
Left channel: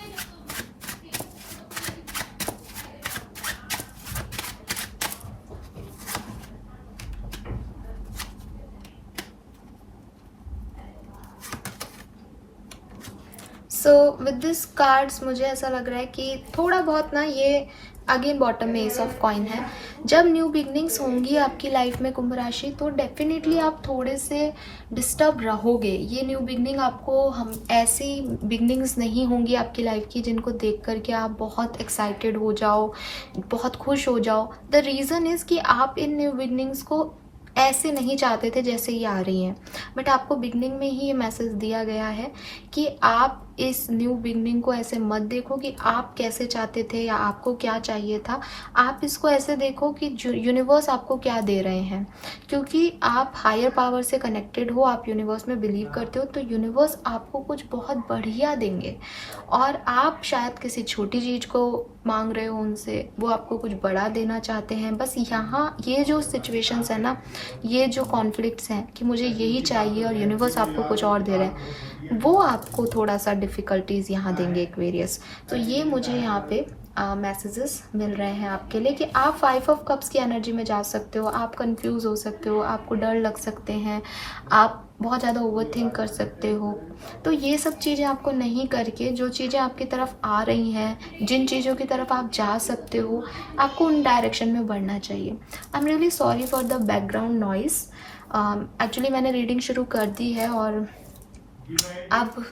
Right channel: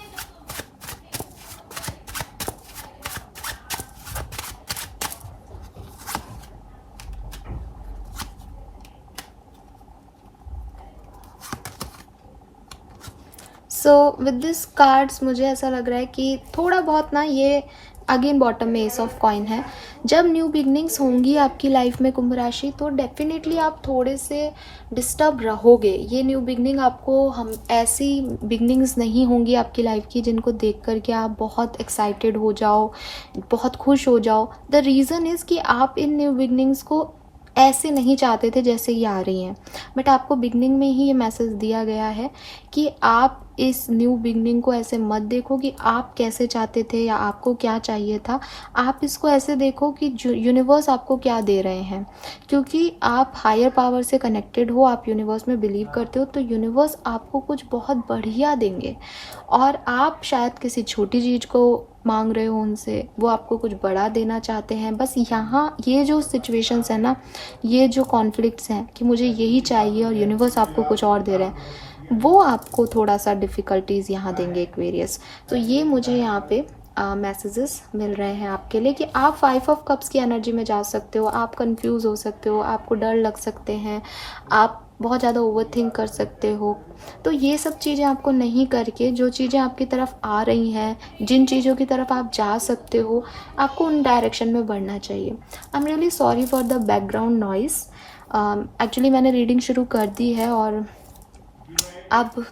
सो विद दिस कार्ड्स मुझे ऐसा लग रहा है कि थोड़ा बहुत ना, ये अगेन बॉटम में एस ऑफ कॉइन है। जब न्यू बिगनिंग्स होंगी आपकी लाइफ में कुंभ राशि, तो डेफिनेटली आप थोड़े से डिस्टर्ब रहोगे। ये न्यू बिगनिंग आपको, हम ऐसी बिगनिंग्स नहीं होंगी आपकी लाइफ की जिनको देख करके आप बहुत एक्साइटेड हो जाओ, बहुत खुश हो जाओ। द रीज़न इज़ कि आप इन न्यू बिगनिंग्स को ऐसे नहीं चाहते थे जैसे ये आ रही हैं, बट आपको बिगनिंग में ही ये मैसेज दिया गया है कि आप इस न्यू बिगनिंग को ऐसे मत देखो कि आप कैसे चाहते थे या आपको क्या चाहिए था। आप इसको ऐसे देखो कि यूनिवर्स आपको क्या दे रहे हैं, क्योंकि आप हायर पावर से कनेक्टेड हो, आप यूनिवर्स में बिलीव करते हो, तो यूनिवर्स आपको कुछ बहुत बढ़िया देंगे। और आप शायद किसी छोटी चीज़ को मांग रहे हो उनसे, वो आपको कुछ बड़ा देना चाहते हैं। बस यहाँ ये जो सिचुएशंस है ना, ये जो कॉन्फ्लिक्ट्स हैं कि मुझे यही चाहिए और यूनिवर्स आपको कुछ और दे रहे हैं, वो आपको थोड़ा सा डिफ़िकल्टीज़ यहाँ देंगे एक्वेरियस। तो ये मुझे यहाँ पे मैसेजेस मिल रहे हैं आपके लिए कि आप 5 ऑफ कप्स की एनर्जी में जा सकते हो, आप कंफ्यूज हो सकते हो, आपको डर लग सकते हैं, आप बहुत ज़्यादा ओवरथिंक कर सकते हो। तो ये सब चीज़ें आपको नहीं करके, जो चीज़ें आपकी तरफ आ रही हैं, जिन चीज़ों की तरफ आप जा सकते हो, आपको उन डायरेक्शन में बढ़ना चाहिए। आई am really sorry for the background noise. Actually मैंने रीडिंग शुरू कर दी है और अब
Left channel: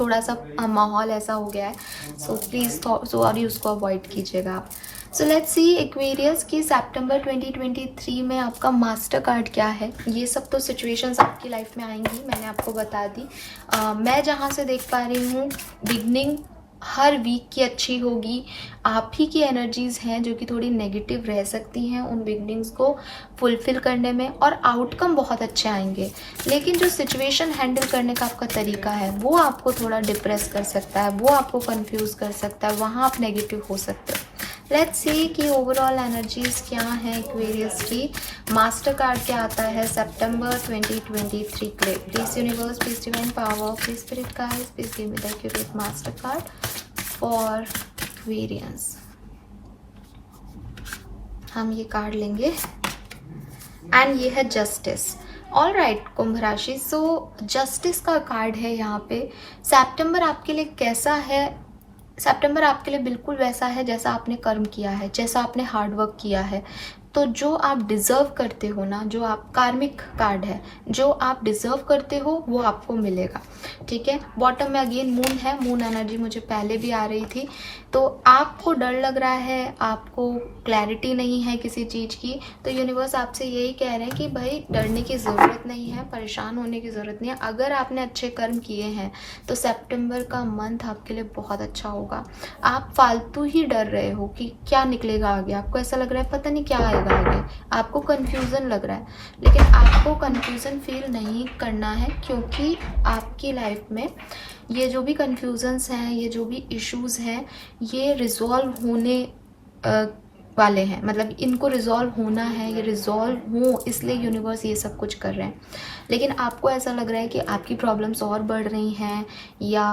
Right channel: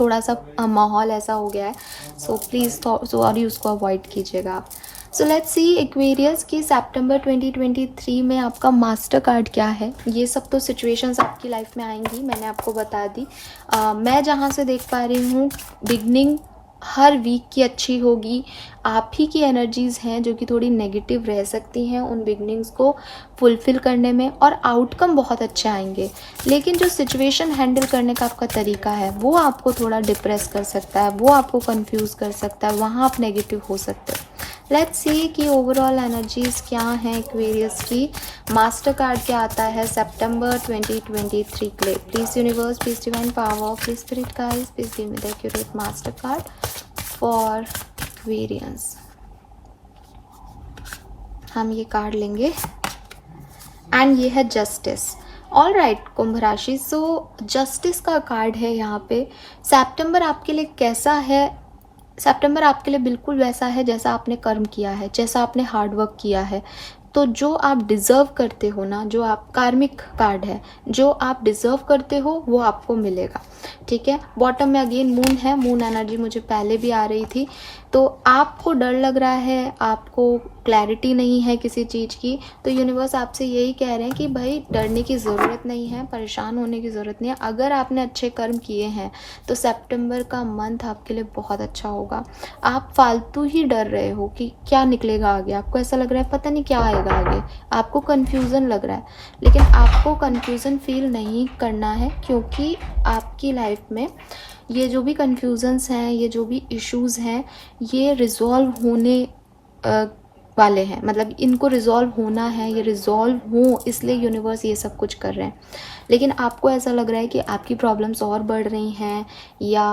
थोड़ा सा माहौल ऐसा हो गया है, सो प्लीज़ सॉरी, उसको अवॉइड कीजिएगा आप। सो लेट्स सी एक्वेरियस कि सितंबर 2023 में आपका मास्टर कार्ड क्या है। ये सब तो सिचुएशंस आपकी लाइफ में आएंगी, मैंने आपको बता दी। मैं जहाँ से देख पा रही हूँ, बिगनिंग हर वीक की अच्छी होगी। आप ही की एनर्जीज़ हैं जो कि थोड़ी नेगेटिव रह सकती हैं उन बिगनिंग्स को फुलफ़िल करने में, और आउटकम बहुत अच्छे आएंगे। लेकिन जो सिचुएशन हैंडल करने का आपका तरीका है, वो आपको थोड़ा डिप्रेस कर सकता है, वो आपको कंफ्यूज कर सकता है, वहाँ आप नेगेटिव हो सकते हैं। लेट्स सी कि ओवरऑल एनर्जीज़ क्या हैं एक्वेरियस की। मास्टर कार्ड क्या आता है सितंबर 2023 के लिए। Please universe, please divine power, please spirit guides, please give me the accurate master card for Aquarians. हम ये कार्ड लेंगे एंड ये है जस्टिस। ऑल राइट कुंभ राशि, सो जस्टिस का कार्ड है यहाँ पे। सितंबर आपके लिए कैसा है? सितंबर आपके लिए बिल्कुल वैसा है जैसा आपने कर्म किया है, जैसा आपने हार्डवर्क किया है। तो जो आप डिज़र्व करते हो ना, जो आप कार्मिक कार्ड है, जो आप डिज़र्व करते हो वो आपको मिलेगा। ठीक है। बॉटम में अगेन मून है, मून एनर्जी मुझे पहले भी आ रही थी। तो आपको डर लग रहा है, आपको क्लैरिटी नहीं है किसी चीज़ की, तो यूनिवर्स आपसे यही कह रहे हैं कि भाई डरने की ज़रूरत नहीं है, परेशान होने की ज़रूरत नहीं है। अगर आपने अच्छे कर्म किए हैं तो सितंबर का मंथ आपके लिए बहुत अच्छा होगा। आप फालतू ही डर रहे हो कि क्या निकलेगा आगे, आपको ऐसा लग रहा है पता नहीं क्या आएगा आगे, आपको कन्फ्यूज़न लग रहा है। लेकिन आपको कन्फ्यूज़न फील नहीं करना है, क्योंकि आपकी लाइफ में ये जो भी कन्फ्यूज़न्स हैं, ये जो भी इश्यूज़ हैं, ये रिजॉल्व होने वाले हैं। मतलब इनको रिजॉल्व होना है, ये रिजॉल्व हो, इसलिए यूनिवर्स ये सब कुछ कर रहे हैं। लेकिन आपको ऐसा लग रहा है कि आपकी प्रॉब्लम्स और बढ़ रही हैं, या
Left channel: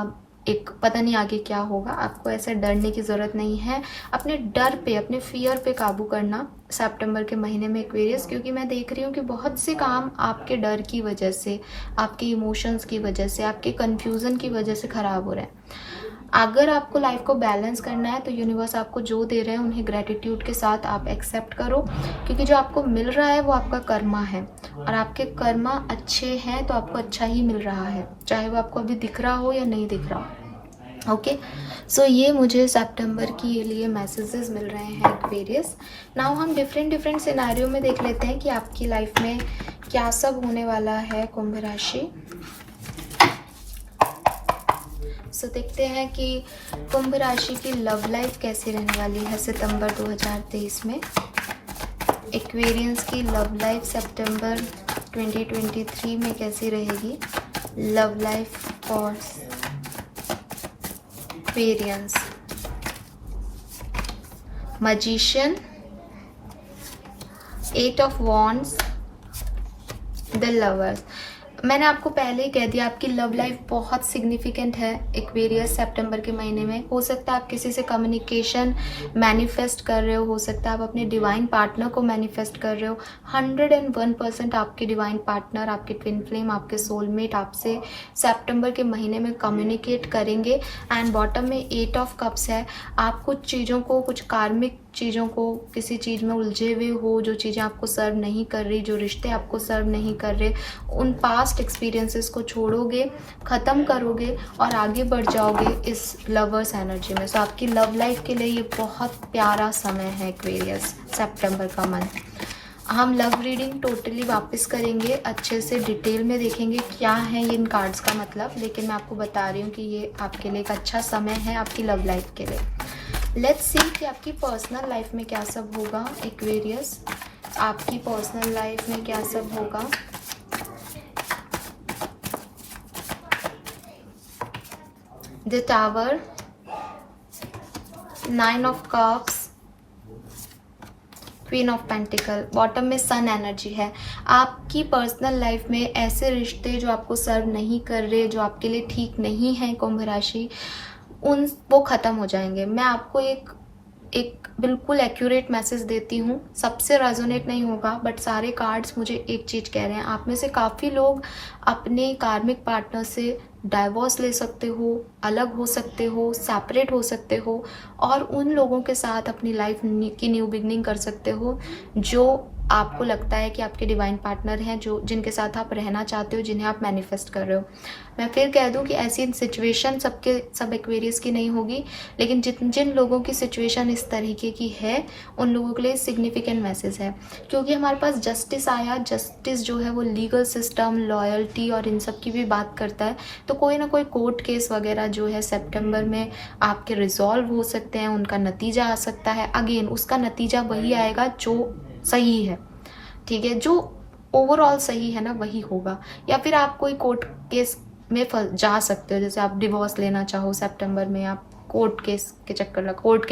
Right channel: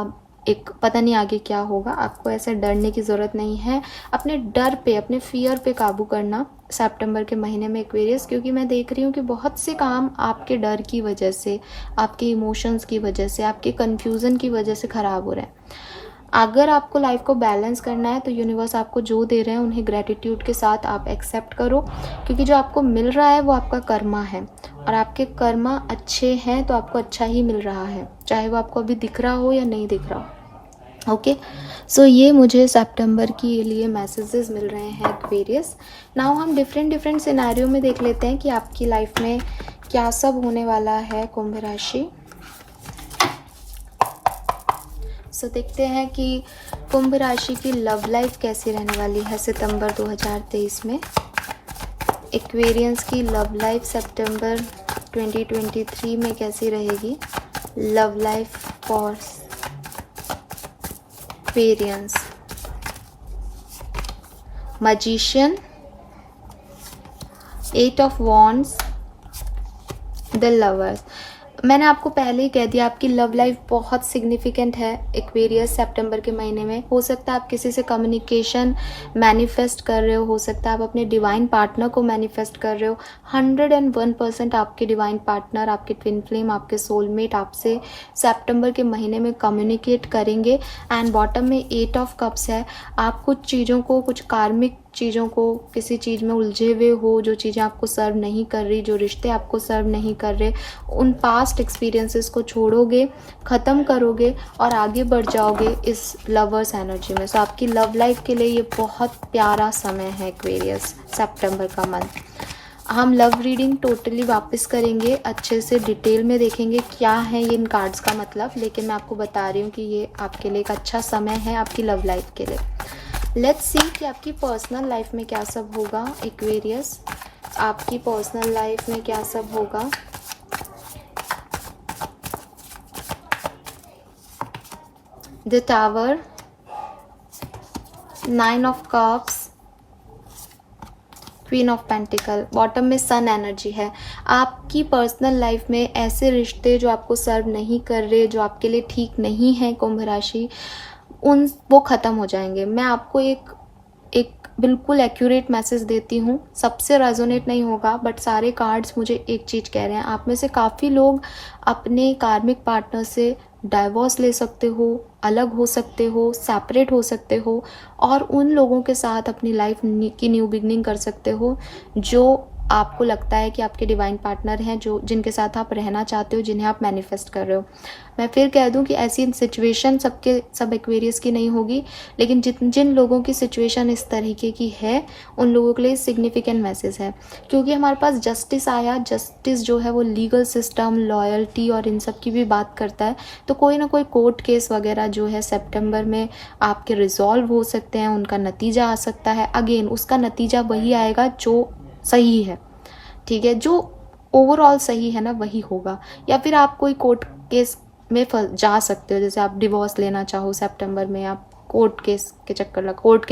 एक पता नहीं आगे क्या होगा। आपको ऐसा डरने की ज़रूरत नहीं है। अपने डर पे, अपने फियर पे काबू करना सितंबर के महीने में एक्वेरियस, क्योंकि मैं देख रही हूँ कि बहुत से काम आपके डर की वजह से, आपके इमोशंस की वजह से, आपके कन्फ्यूज़न की वजह से ख़राब हो रहे हैं। अगर आपको लाइफ को बैलेंस करना है तो यूनिवर्स आपको जो दे रहे हैं उन्हें ग्रेटिट्यूड के साथ आप एक्सेप्ट करो, क्योंकि जो आपको मिल रहा है वो आपका कर्मा है, और आपके कर्मा अच्छे हैं तो आपको अच्छा ही मिल रहा है, चाहे वो आपको अभी दिख रहा हो या नहीं दिख रहा हो। ओके, सो ये मुझे सितंबर के लिए मैसेजेस मिल रहे हैं एक्वेरियस। नाउ हम डिफरेंट सिनेरियो में देख लेते हैं कि आपकी लाइफ में क्या सब होने वाला है कुंभ राशि। सो देखते हैं कि कुंभ राशि की लव लाइफ कैसी रहने वाली है सितंबर 2023 में। एक्वेरियंस की लव लाइफ सितंबर 2023 में कैसी रहेगी love life for Aquarians. Magician, 8 of wands, the lovers. मैंने आपको पहले ही कह दिया आपकी लव लाइफ बहुत सिग्निफिकेंट है एक्वेरियस सितंबर के महीने में। हो सकता है आप किसी से कम्युनिकेशन मैनिफेस्ट कर रहे हो सकता है आप अपने डिवाइन पार्टनर को मैनिफेस्ट कर रहे हो। 101% आपके डिवाइन पार्टनर, आपके ट्विन फ्लेम, आपके सोलमेट आपसे सितंबर के महीने में कम्युनिकेट करेंगे। एंड बॉटम में 8 ऑफ कप्स है। आप कुछ चीज़ों को, कुछ कार्मिक चीज़ों को, किसी चीज़ में उलझे हुए हो, जो चीज़ें आपको सर्व नहीं कर रही, जो रिश्ते आपको सर्व नहीं कर रहे, उन पास्ट एक्सपीरियंसेस को छोड़ोगे, ख़त्म करोगे और आगे बढ़ जाओगे इस लवर्स एनर्जी में। सो आपकी लव लाइफ के लिए ये बहुत प्यारा समय है एक्वेरियस सितंबर का मंथ। हम लव रीडिंग टोटली वापस करेंगे, अच्छे से डिटेल में देखेंगे क्या है ये इन कार्ड्स का मतलब, लेकिन मैं आपको बता रही हूँ कि ये आपके लिए एक अच्छा समय है आपकी लव लाइफ के लिए। लेट्स सी कि आपकी पर्सनल लाइफ में क्या सब होगा एक्वेरियस, आपकी पर्सनल लाइफ में क्या सब होगा। The tower, 9 of cups, queen of pentacle, bottom में सन एनर्जी है। आपकी पर्सनल लाइफ में ऐसे रिश्ते जो आपको सर्व नहीं कर रहे, जो आपके लिए ठीक नहीं है कुंभ राशि, वो ख़त्म हो जाएंगे। मैं आपको एक बिल्कुल एक्यूरेट मैसेज देती हूँ, सबसे रेजोनेट नहीं होगा बट सारे कार्ड्स मुझे एक चीज़ कह रहे हैं। आप में से काफ़ी लोग अपने कार्मिक पार्टनर से डाइवोर्स ले सकते हो, अलग हो सकते हो, सेपरेट हो सकते हो और उन लोगों के साथ अपनी लाइफ की न्यू बिगनिंग कर सकते हो जो आपको लगता है कि आपके डिवाइन पार्टनर हैं, जो जिनके साथ आप रहना चाहते हो, जिन्हें आप मैनिफेस्ट कर रहे हो। मैं फिर कह दूं कि ऐसी सिचुएशन सब एक्वेरियस की नहीं होगी, लेकिन जिन लोगों की सिचुएशन इस तरीके की है उन लोगों के लिए सिग्निफिकेंट मैसेज है, क्योंकि हमारे पास जस्टिस आया। जस्टिस जो है वो लीगल सिस्टम, लॉयल्टी और इन सब की भी बात करता है। तो कोई ना कोई कोर्ट केस वगैरह जो है सितंबर में आपके रिजॉल्व हो सकते हैं, उनका नतीजा आ सकता है। अगेन उसका नतीजा वही आएगा जो सही है, ठीक है, जो ओवरऑल सही है ना वही होगा। या फिर आप कोई कोर्ट केस में जा सकते हो, जैसे आप डिवोर्स लेना चाहो सितंबर में, आप कोर्ट के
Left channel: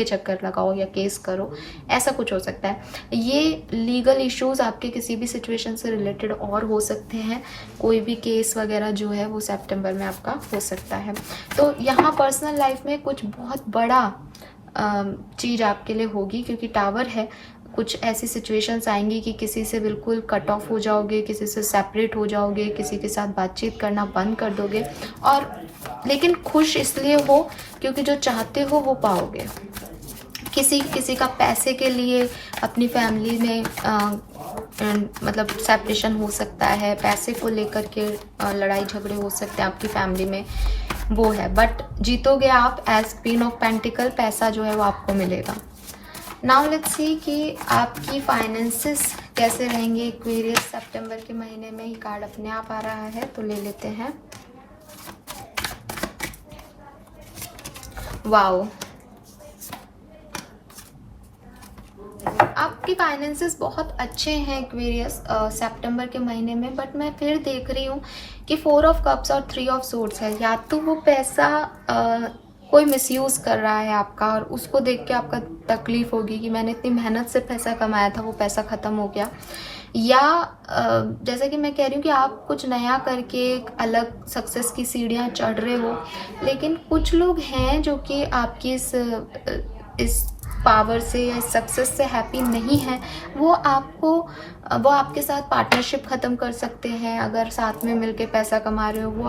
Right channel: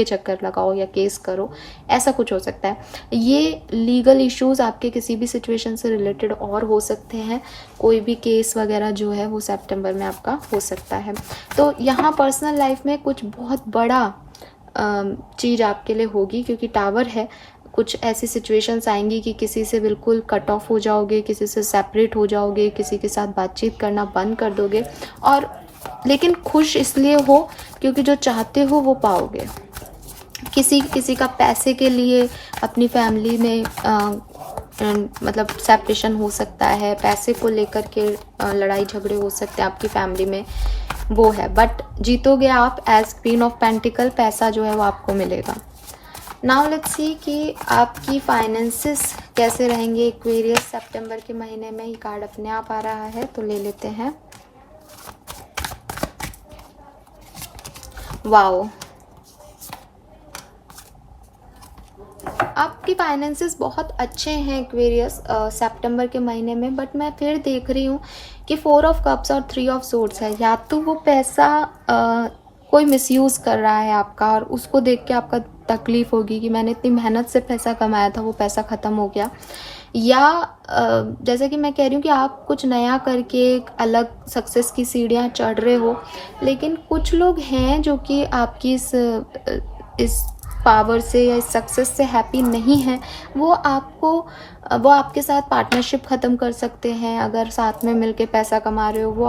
चक्कर लगाओ या केस करो, ऐसा कुछ हो सकता है। ये लीगल इश्यूज आपके किसी भी सिचुएशन से रिलेटेड और हो सकते हैं, कोई भी केस वगैरह जो है वो सितंबर में आपका हो सकता है। तो यहाँ पर्सनल लाइफ में कुछ बहुत बड़ा चीज़ आपके लिए होगी, क्योंकि टावर है। कुछ ऐसी सिचुएशंस आएंगी कि किसी से बिल्कुल कट ऑफ हो जाओगे, किसी से सेपरेट हो जाओगे, किसी के साथ बातचीत करना बंद कर दोगे, और लेकिन खुश इसलिए हो क्योंकि जो चाहते हो वो पाओगे। किसी का पैसे के लिए अपनी फैमिली में मतलब सेपरेशन हो सकता है, पैसे को लेकर के लड़ाई झगड़े हो सकते हैं आपकी फैमिली में, वो है। बट जीतोगे आप एज क्वीन ऑफ पेंटिकल, पैसा जो है वो आपको मिलेगा। नाउ लेट्स सी कि आपकी फाइनेंसेस कैसे रहेंगे एक्वेरियस सितंबर के महीने में। ये कार्ड अपने आप आ रहा है तो ले लेते हैं। वाओ, आपके फाइनेंसेस बहुत अच्छे हैं एक्वेरियस सितंबर के महीने में। बट मैं फिर देख रही हूँ कि 4 ऑफ कप्स और 3 ऑफ सोर्ड्स है। या तो वो पैसा कोई मिसयूज़ कर रहा है आपका और उसको देख के आपका तकलीफ होगी कि मैंने इतनी मेहनत से पैसा कमाया था, वो पैसा ख़त्म हो गया। या जैसे कि मैं कह रही हूँ कि आप कुछ नया करके एक अलग सक्सेस की सीढ़ियाँ चढ़ रहे हो, लेकिन कुछ लोग हैं जो कि आपकी इस पावर से या सक्सेस से हैप्पी नहीं है। वो आपके साथ पार्टनरशिप ख़त्म कर सकते हैं। अगर साथ में मिलके पैसा कमा रहे हो, वो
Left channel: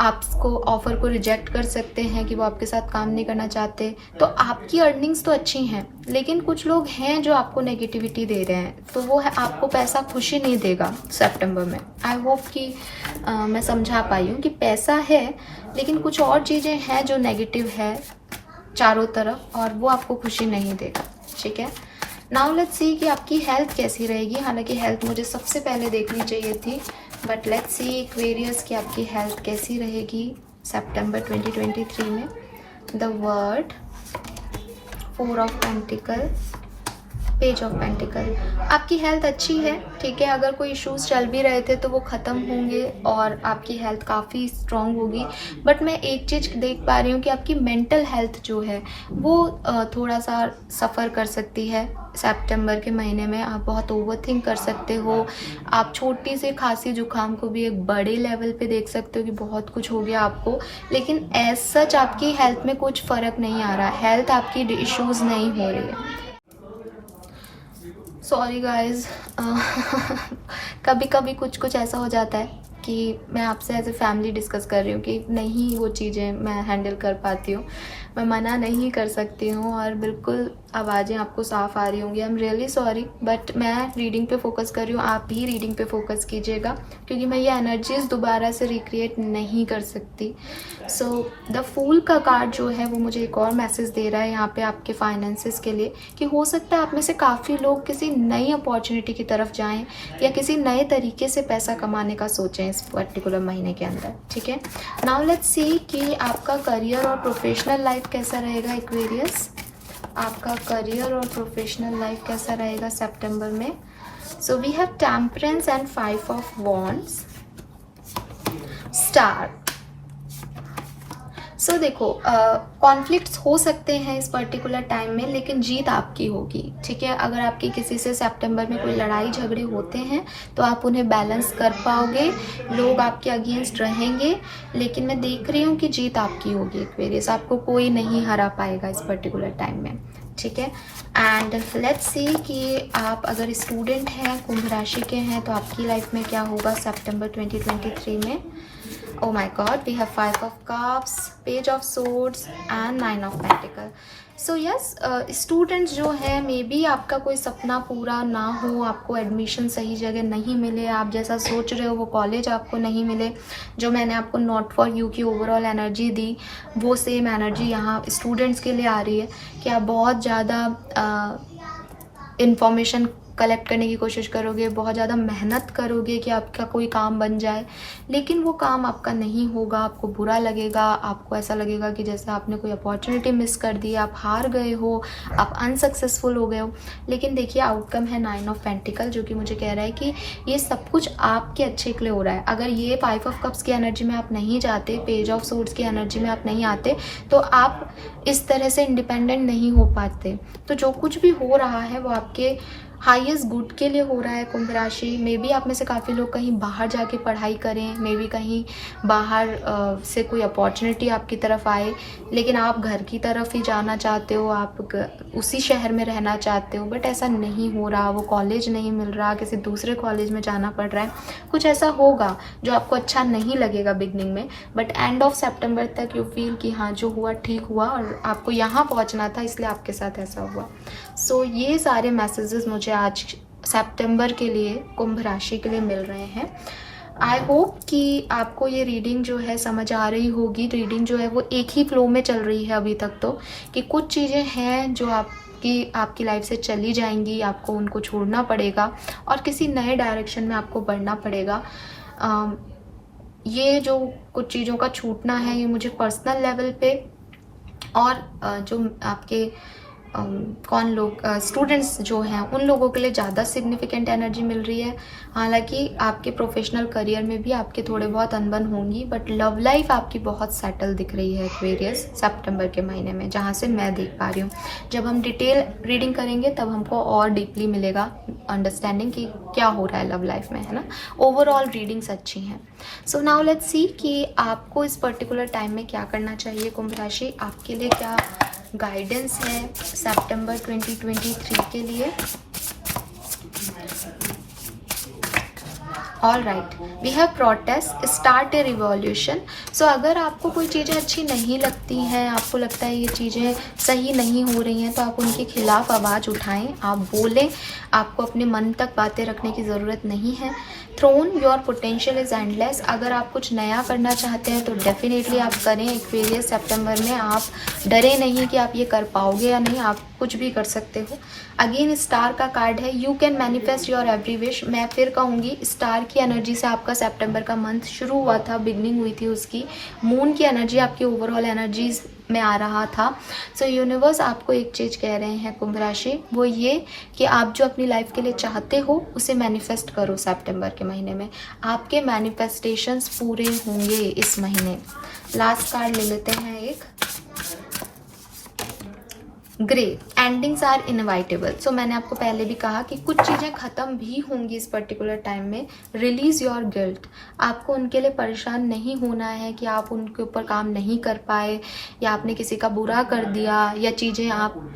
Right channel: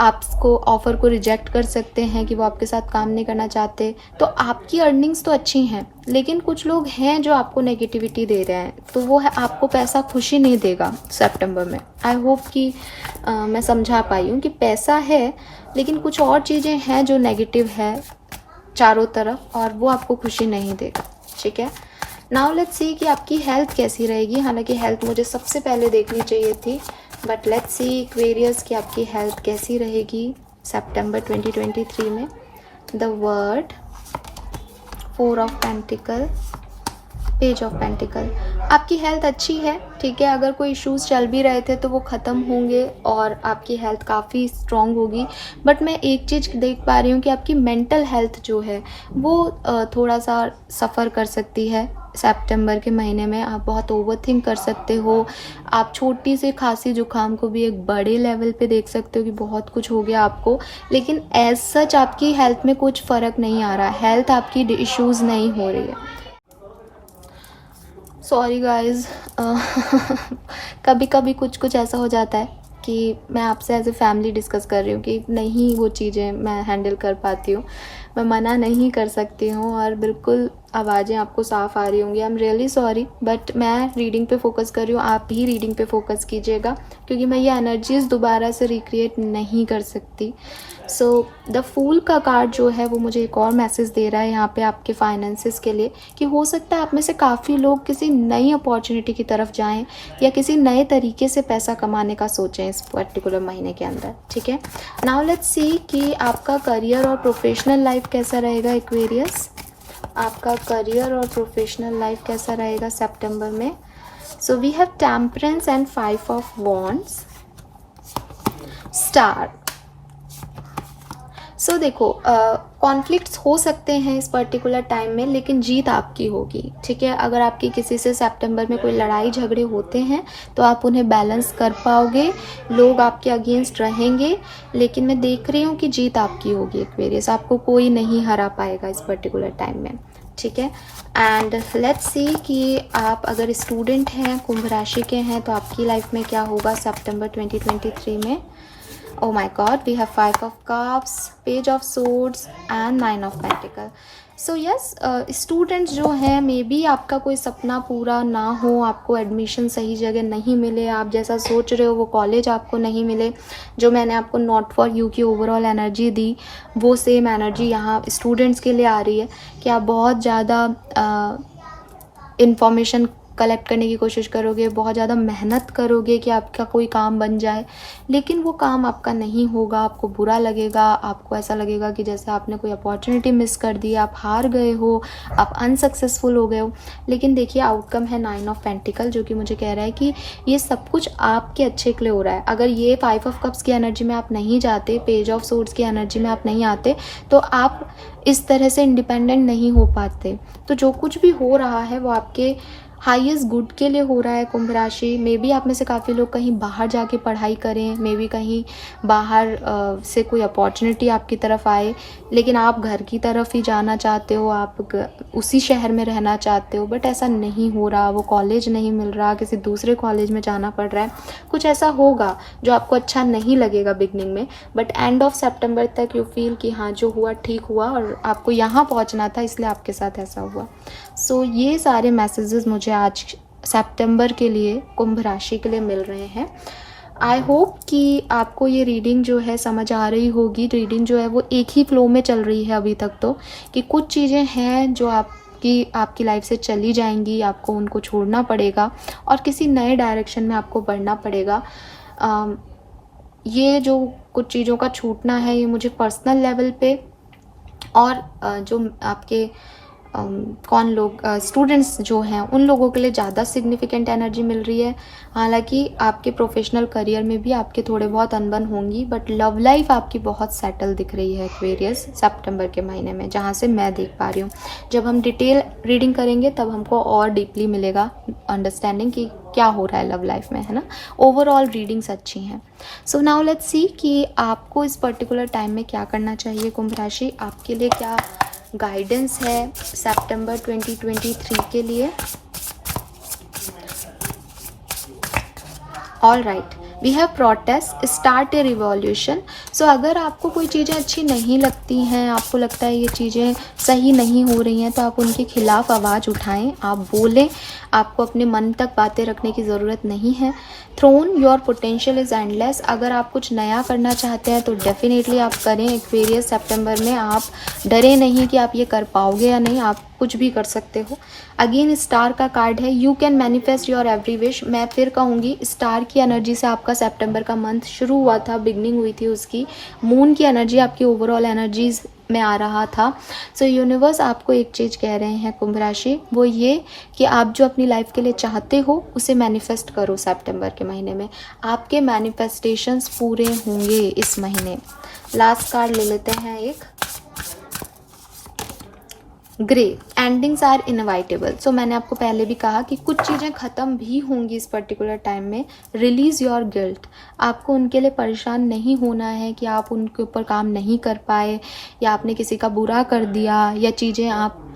आपको ऑफ़र को रिजेक्ट कर सकते हैं कि वो आपके साथ काम नहीं करना चाहते। तो आपकी अर्निंग्स तो अच्छी हैं, लेकिन कुछ लोग हैं जो आपको नेगेटिविटी दे रहे हैं, तो वो है आपको पैसा खुशी नहीं देगा सितंबर में। आई होप कि मैं समझा पाई हूँ कि पैसा है, लेकिन कुछ और चीज़ें हैं जो नेगेटिव है चारों तरफ, और वो आपको खुशी नहीं देगा, ठीक है। नाउ लेट्स सी कि आपकी हेल्थ कैसी रहेगी। हालांकि हेल्थ मुझे सबसे पहले देखनी चाहिए थी, बट लेट्स सी एक्वेरियस की आपकी हेल्थ कैसी रहेगी सितंबर 2023 में। The word, 4 of pentacle, page of pentacle. आपकी हेल्थ अच्छी है, ठीक है। अगर कोई इश्यूज चल भी रहे थे तो वो ख़त्म होंगे और आपकी हेल्थ काफ़ी स्ट्रॉन्ग होगी। बट मैं एक चीज़ देख पा रही हूँ कि आपकी मेंटल हेल्थ जो है वो थोड़ा सा सफ़र कर सकती है सितंबर के महीने में। आप बहुत ओवरथिंक कर सकते हो, आप छोटी सी खांसी जुकाम को भी एक बड़े लेवल पे देख सकते हो कि बहुत कुछ हो गया आपको, लेकिन एज सच आपकी हेल्थ में कुछ फ़र्क नहीं आ रहा, हेल्थ आपकी इश्यूज़ नहीं हो रही है। सॉरी गाइस, कभी कभी कुछ कुछ ऐसा हो जाता है कि मैं आपसे एज ए फैमिली डिस्कस कर रही हूँ कि नहीं वो चीज़ें मैं हैंडल कर पाती हूँ, मैं मना नहीं कर सकती हूँ और बिल्कुल आवाज़ें आपको साफ़ आ रही होंगी। आई एम रियली सॉरी, बट मैं रीडिंग पे फोकस कर रही हूँ, आप भी रीडिंग पे फोकस कीजिएगा क्योंकि मैं ये एनर्जीज दोबारा से रिक्रिएट नहीं कर सकती। सो द फूल का कार्ड जो है वो मुझे एक और मैसेज दे रहा है यहाँ पे आपके फाइनेंसेस के लिए कि हो सकता है आप में से काफ़ी लोग किसी नई अपॉर्चुनिटी की तरफ जाएं या किसी नए तरीके से पैसा कमाने का सोचें इस पर्टिकुलर महीने के अंदर, ठीक है। नाउ लेट्स सी कि आपका करियर और प्रोफेशनल लाइफ कैसा रहेगा एक्वेरियस, आपका करियर और प्रोफेशनल लाइफ कैसा रहेगा सितंबर में। So we have temperance and 5 of wands, star. So देखो, कॉन्फ्लिक्ट्स हो सकते हैं इस पर्टिकुलर टाइम में, लेकिन जीत आपकी होगी, ठीक है। अगर आपकी किसी से सितंबर में कोई लड़ाई झगड़े होते हैं तो आप उन्हें बैलेंस कर पाओगे, लोग आपके अगेंस्ट रहेंगे, लेकिन मैं देख रही हूँ कि जीत आपकी होगी एक्वेरियस, आपको कोई नहीं हरा पाएगा इस पर्टिकुलर टाइम में, ठीक है। एंड लेट्स सी कि आप अगर स्टूडेंट हैं, कुंभ राशि के हैं, तो आपकी लाइफ में क्या होगा सितंबर 2023 में। Oh my God, we have 5 of Cups, Page of Swords and 9 of Pentacles. So yes, students जो हैं मे बी आपका कोई सपना पूरा ना हो, आपको एडमिशन सही जगह नहीं मिले, आप जैसा सोच रहे हो वो कॉलेज आपको नहीं मिले, जो मैंने आपको नॉट फॉर यू की ओवरऑल एनर्जी दी वो सेम एनर्जी यहाँ स्टूडेंट्स के लिए आ रही है कि आप बहुत ज़्यादा इंफॉर्मेशन कलेक्ट करने की कोशिश करोगे, बहुत ज़्यादा मेहनत करोगे कि आपका कोई काम बन जाए, लेकिन वो काम आपका नहीं होगा, आपको बुरा लगेगा, आपको ऐसा लगेगा कि जैसे आपने कोई अपॉर्चुनिटी मिस कर दी, आप हार गए हो, आप अनसक्सेसफुल हो गए हो। लेकिन देखिए आउटकम है 9 ऑफ पेंटिकल, जो कि मुझे कह रहा है कि ये सब कुछ आपके अच्छे के लिए हो रहा है। अगर ये 5 ऑफ कप्स की एनर्जी में आप नहीं जाते, पेज ऑफ सोर्ड्स की एनर्जी में आप नहीं आते, तो आप इस तरह से इंडिपेंडेंट नहीं हो पाते। तो जो कुछ भी हो रहा है वो आपके हाईएस्ट गुड के लिए हो रहा है कुंभ राशि। मे बी आप में से काफ़ी लोग कहीं बाहर जाके पढ़ाई करें, मे बी कहीं बाहर से कोई अपॉर्चुनिटी आपकी तरफ आए, लेकिन आप घर की तरफ ही जाना चाहते हो, आप उसी शहर में रहना चाहते हो, बट ऐसा नहीं हो रहा, वो कॉलेज नहीं मिल रहा, किसी दूसरे कॉलेज में जाना पड़ रहा है, कुछ ऐसा होगा जो आपको अच्छा नहीं लगेगा बिगनिंग में, बट एंड ऑफ सितंबर तक यू फील कि हाँ जो हुआ ठीक हुआ और आपको यहाँ पहुँचना था इसलिए आपके साथ ऐसा हुआ। सो ये सारे मैसेजेस मुझे आज सितंबर के लिए कुंभ राशि के लिए मिल रहे हैं। आई होप कि आपको ये रीडिंग जो है समझ आ रही होगी। रीडिंग जो है वो एक ही फ्लो में चल रही है अभी तक, तो कि कुछ चीज़ें हैं जो आपकी लाइफ से चली जाएंगी, आपको उनको छोड़ना पड़ेगा और किसी नए डायरेक्शन में आपको बढ़ना पड़ेगा। ये जो कुछ चीज़ों का छूटना है ये मुझे पर्सनल लेवल पे और जो आपके कौन लोग स्टूडेंट्स जो हैं उन लोगों के लिए ज़्यादा सिग्निफिकेंट एनर्जी मिल रही है। हालांकि आपके प्रोफेशनल करियर में भी आपके थोड़े बहुत अनबन होंगी, बट लव लाइफ आपकी बहुत सेटल दिख रही है एक्वेरियस सितंबर के महीने में, जहाँ से मैं देख पा रही हूँ। जब हम डिटेल रीडिंग करेंगे तब हमको और डीपली मिलेगा अंडरस्टैंडिंग कि क्या हो रहा है लव लाइफ में, है ना। ओवरऑल रीडिंग्स अच्छी हैं। सो नाउ लेट्स सी कि आपको इस पर्टिकुलर टाइम में क्या करना चाहिए कुंभ राशि, आपके लिए क्या गाइडेंस है सितंबर 2023 के लिए। All right, we have protest, start a revolution. So अगर आपको कोई चीज़ें अच्छी नहीं लगती हैं, आपको लगता है ये चीज़ें सही नहीं हो रही हैं, तो आप उनके खिलाफ आवाज़ उठाएं, आप बोलें, आपको अपने मन तक बातें रखने की ज़रूरत नहीं है। Throne, your potential is endless. अगर आप कुछ नया करना चाहते हैं तो डेफिनेटली आप करें एक्वेरियस सितंबर में। आप डरे नहीं कि आप ये कर पाओगे या नहीं, आप कुछ भी कर सकते हो। अगेन स्टार का कार्ड है, you can manifest your every wish. मैं फिर कहूँगी स्टार की एनर्जी से आपका सितंबर का मंथ शुरू हुआ था, बिगनिंग हुई थी उसकी। मून की एनर्जी आपकी ओवरऑल एनर्जीज में आ रहा था। सो यूनिवर्स आपको एक चीज़ कह रहे हैं कुंभ राशि, वो ये कि आप जो अपनी लाइफ के लिए चाहते हो उसे मैनिफेस्ट करो। सितंबर के महीने में आपके मैनिफेस्टेशंस पूरे होंगे इस महीने। लास्ट कार्ड ले लेते हैं एक, ग्रे, एंडिंग्स आर इनवाइटेबल। सो मैंने आपको पहले भी कहा कि कुछ चीज़ें ख़त्म भी होंगी इस पर्टिकुलर टाइम में। रिलीज योर गिल्ट, आपको उनके लिए परेशान नहीं होना है कि आप उनके ऊपर काम नहीं कर पाए, या आपने किसी का बुरा कर दिया, या चीज़ें आप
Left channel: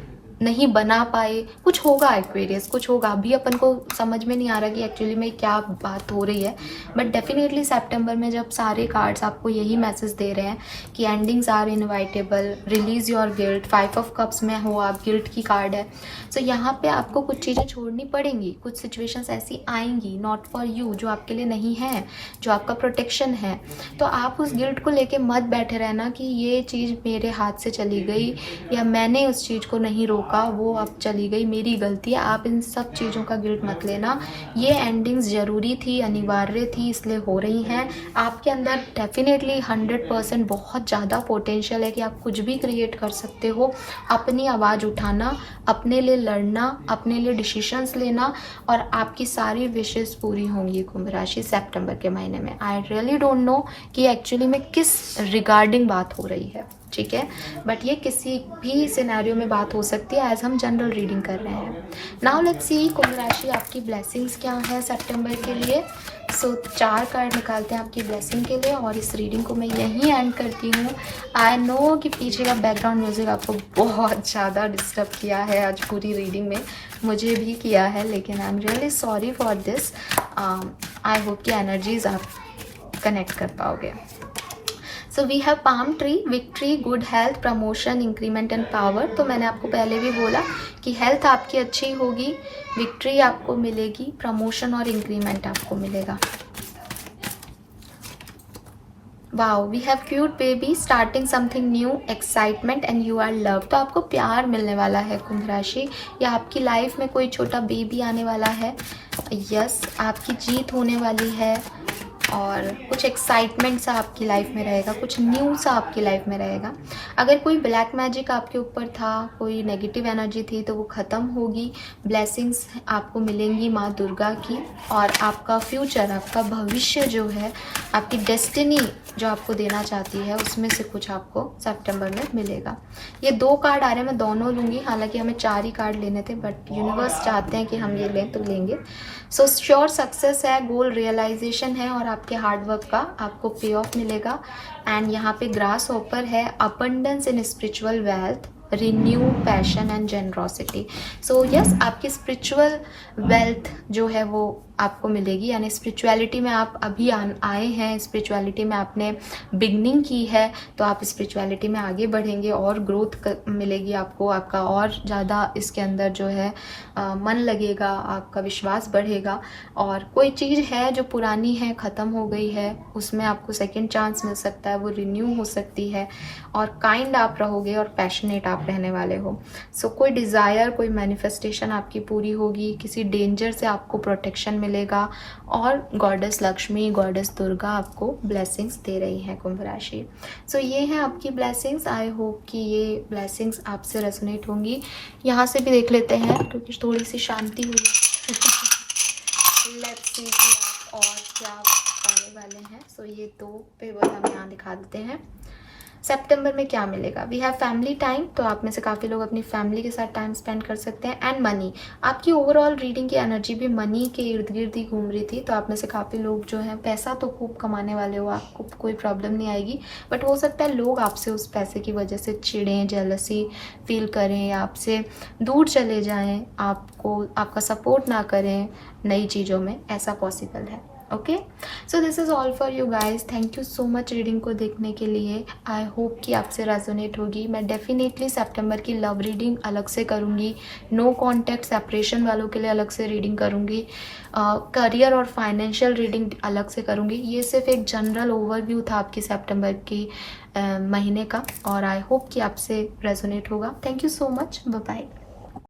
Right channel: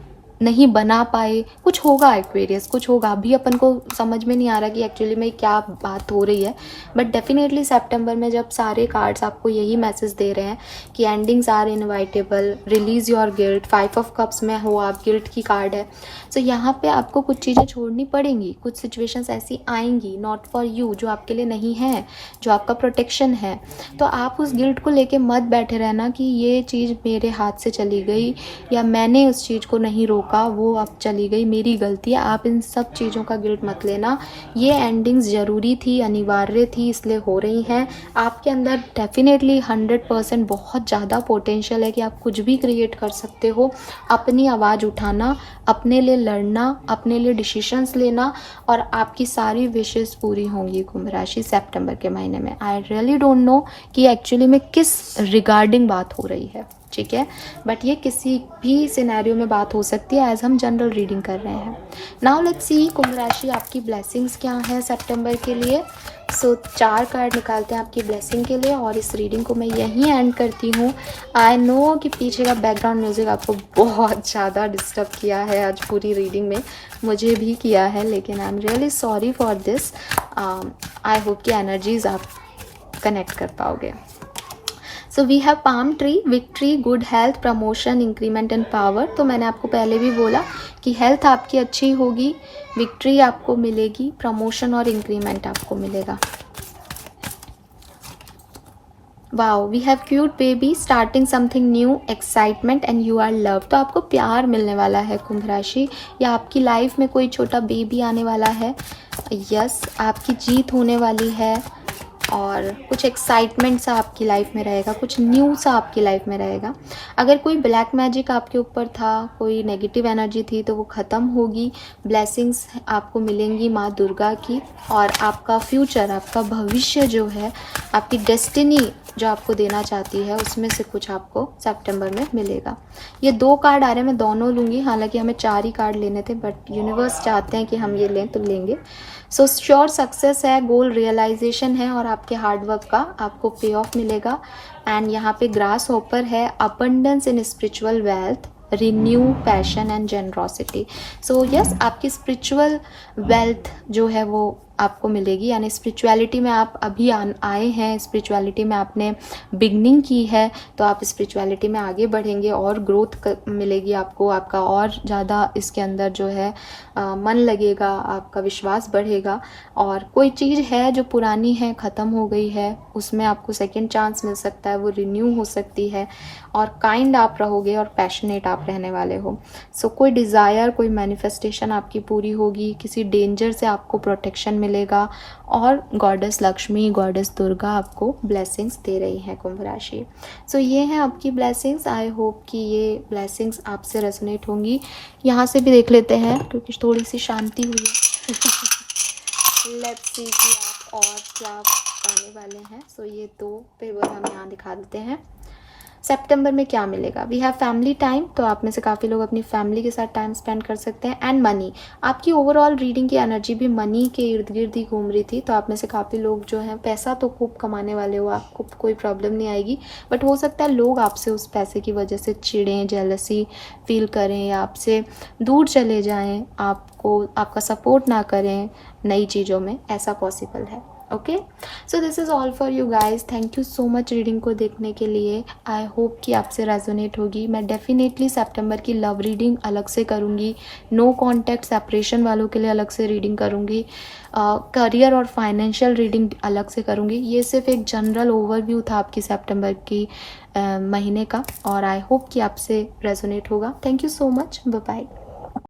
नहीं बना पाए। कुछ होगा एक्वेरियस, कुछ होगा। अभी अपन को समझ में नहीं आ रहा कि एक्चुअली में क्या बात हो रही है, बट डेफिनेटली सितंबर में जब सारे कार्ड्स आपको यही मैसेज दे रहे हैं कि endings are inevitable, release your guilt, 5 of cups में हो आप, गिल्ट की कार्ड है। सो यहाँ पे आपको कुछ चीज़ें छोड़नी पड़ेंगी, कुछ सिचुएशंस ऐसी आएंगी नॉट फॉर यू, जो आपके लिए नहीं है, जो आपका प्रोटेक्शन है। तो आप उस गिल्ट को लेके मत बैठे रहना कि ये चीज़ मेरे हाथ से चली गई, या मैंने उस चीज़ को नहीं रोका, वो अब चली गई, मेरी गलती है। आप इन सब चीज़ों का गिल्ट मत लेना। ये एंडिंग्स ज़रूरी थी, अनिवार्य थी, इसलिए हो रही हैं। आपके अंदर डेफिनेटली 100% बहुत ज़्यादा पोटेंशियल है कि आप कुछ भी क्रिएट कर सकते हो। अपनी आवाज़ उठाना, अपने लिए लड़ना, अपने लिए डिसीजंस लेना, और आपकी सारी विशेस पूरी होंगी कुंभ राशि सितंबर के महीने में। आई रियली डोंट नो कि एक्चुअली में किस रिगार्डिंग बात हो रही है, ठीक है, बट ये किसी भी सिनेरियो में बात हो सकती है, एज हम जनरल रीडिंग कर रहे हैं। नाउ लेट्स सी कुंभ राशि आपकी ब्लेसिंग्स क्या है सितंबर के लिए। सो 4 कार्ड निकालते हैं आपकी ब्लेसिंग के लिए, और इस रीडिंग को मैं यहीं एंड करती हूँ। आई नो कि पीछे का बैकग्राउंड म्यूजिक आपको बहुत ज़्यादा डिस्टर्ब किया है आज पूरी रीडिंग में, मुझे भी किया है, लेकिन I am really sorry for this. I hope कि एनर्जीज आप कनेक्ट कर पाओगे। So we have palm tree, victory, good health, promotion, increment and power. तो मैंने आपको पहले भी बोला कि हेल्थ आपकी अच्छी होगी, विक्ट्री आपको मिलेगी, प्रमोशन और इंक्रीमेंट आपको मिलेगा। Wow, we have cute baby, starting something new, excitement and you are love. तो आपको प्यार मिलने वाला है कुंभ राशि, या आपकी लाइफ में कोई छोटा बेबी आने वाला है। यस, आपकी जीत होने वाली है, और कुछ एक्साइटमेंट सा आपकी लाइफ में रहेगा, कुछ न्यू सा आपकी लाइफ में रहेगा। अगर कोई ब्लैक मैजिक आपके ऊपर था, कोई नेगेटिव एनर्जी थी, तो वो ख़त्म होगी। ब्लेसिंग्स आपको मिलेंगी माँ दुर्गा की, और आपका फ्यूचर, आपका भविष्य जो है, आपकी डेस्टिनी जो आपको देना चाहती है, उसमें से कुछ आपको सितंबर में मिलेगा। ये 2 कार्ड आ रहे हैं, मैं दोनों लूँगी, हालांकि हमें 4 ही कार्ड लेने थे, बट यूनिवर्स चाहते हैं कि हम ये लें तो लेंगे। सो श्योर सक्सेस है, गोल रियलाइजेशन है, और आपके हार्डवर्क का आपको पे ऑफ मिलेगा। एंड यहाँ पे ग्रास हॉपर है, abundance in spiritual wealth, renew passion and generosity. So yes, आपकी स्पिरिचुअल वेल्थ जो है वो आपको मिलेगी, यानी स्पिरिचुअलिटी में आप अभी आए हैं, स्पिरिचुअलिटी में आपने बिगनिंग की है, तो आप स्पिरिचुअलिटी में आगे बढ़ेंगे और ग्रोथ मिलेगी आपको, आपका और ज़्यादा इसके अंदर जो है मन लगेगा, आपका विश्वास बढ़ेगा। और कोई चीज़ है जो पुरानी है, ख़त्म हो गई है, उसमें आपको सेकेंड चांस मिल सकता है, वो रिन्यू हो सकती है, और काइंड आप रहोगे और पैशनेट आप रहने वाले हो। सो कोई डिज़ायर, कोई मैनिफेस्टेशन आपकी पूरी होगी, किसी डेंजर से आपको प्रोटेक्शन मिलेगा, और गॉडेस लक्ष्मी, गॉडेस दुर्गा आपको ब्लेसिंग्स दे रही हैं कुंभ राशि। सो ये हैं आपकी ब्लेसिंग्स। आई होप कि ये ब्लेसिंग्स आपसे रेजोनेट होंगी। यहाँ से भी देख लेते हैं, क्योंकि थोड़ी सी शांति हुई। लेट्स सी कि आप और क्या पाने वाले हैं। सो ये 2 पेपर हम यहाँ दिखा देते हैं। सितंबर में क्या मिलेगा? वी हैव फैमिली टाइम, तो आप में से काफ़ी लोग अपनी फैमिली के साथ टाइम स्पेंड कर सकते हैं। एंड मनी, आपकी ओवरऑल रीडिंग की एनर्जी भी मनी के इर्द गिर्द ही घूम रही थी, तो आप में से काफ़ी लोग जो हैं पैसा तो खूब कमाने वाले हो, आपको कोई प्रॉब्लम नहीं आएगी, बट हो सकता है लोग आपसे उस पैसे की वजह से चिढ़ें, जेलसी फील करें, या आपसे दूर चले जाएँ, आपको आपका सपोर्ट ना करें नई चीज़ों में, ऐसा पॉसिबल है। Okay, so this is all for you guys. Thank you so much reading को देखने के लिए। आई होप कि आपसे रेजोनेट होगी। मैं डेफिनेटली सितंबर की लव रीडिंग अलग से करूँगी, नो कॉन्टैक्ट सेपरेशन वालों के लिए अलग से रीडिंग करूँगी, करियर और फाइनेंशियल रीडिंग अलग से करूँगी। ये सिर्फ एक जनरल ओवरव्यू था आपकी सितंबर की महीने का, और आई होप कि आपसे रेजोनेट होगा। Thank you so much, bye bye.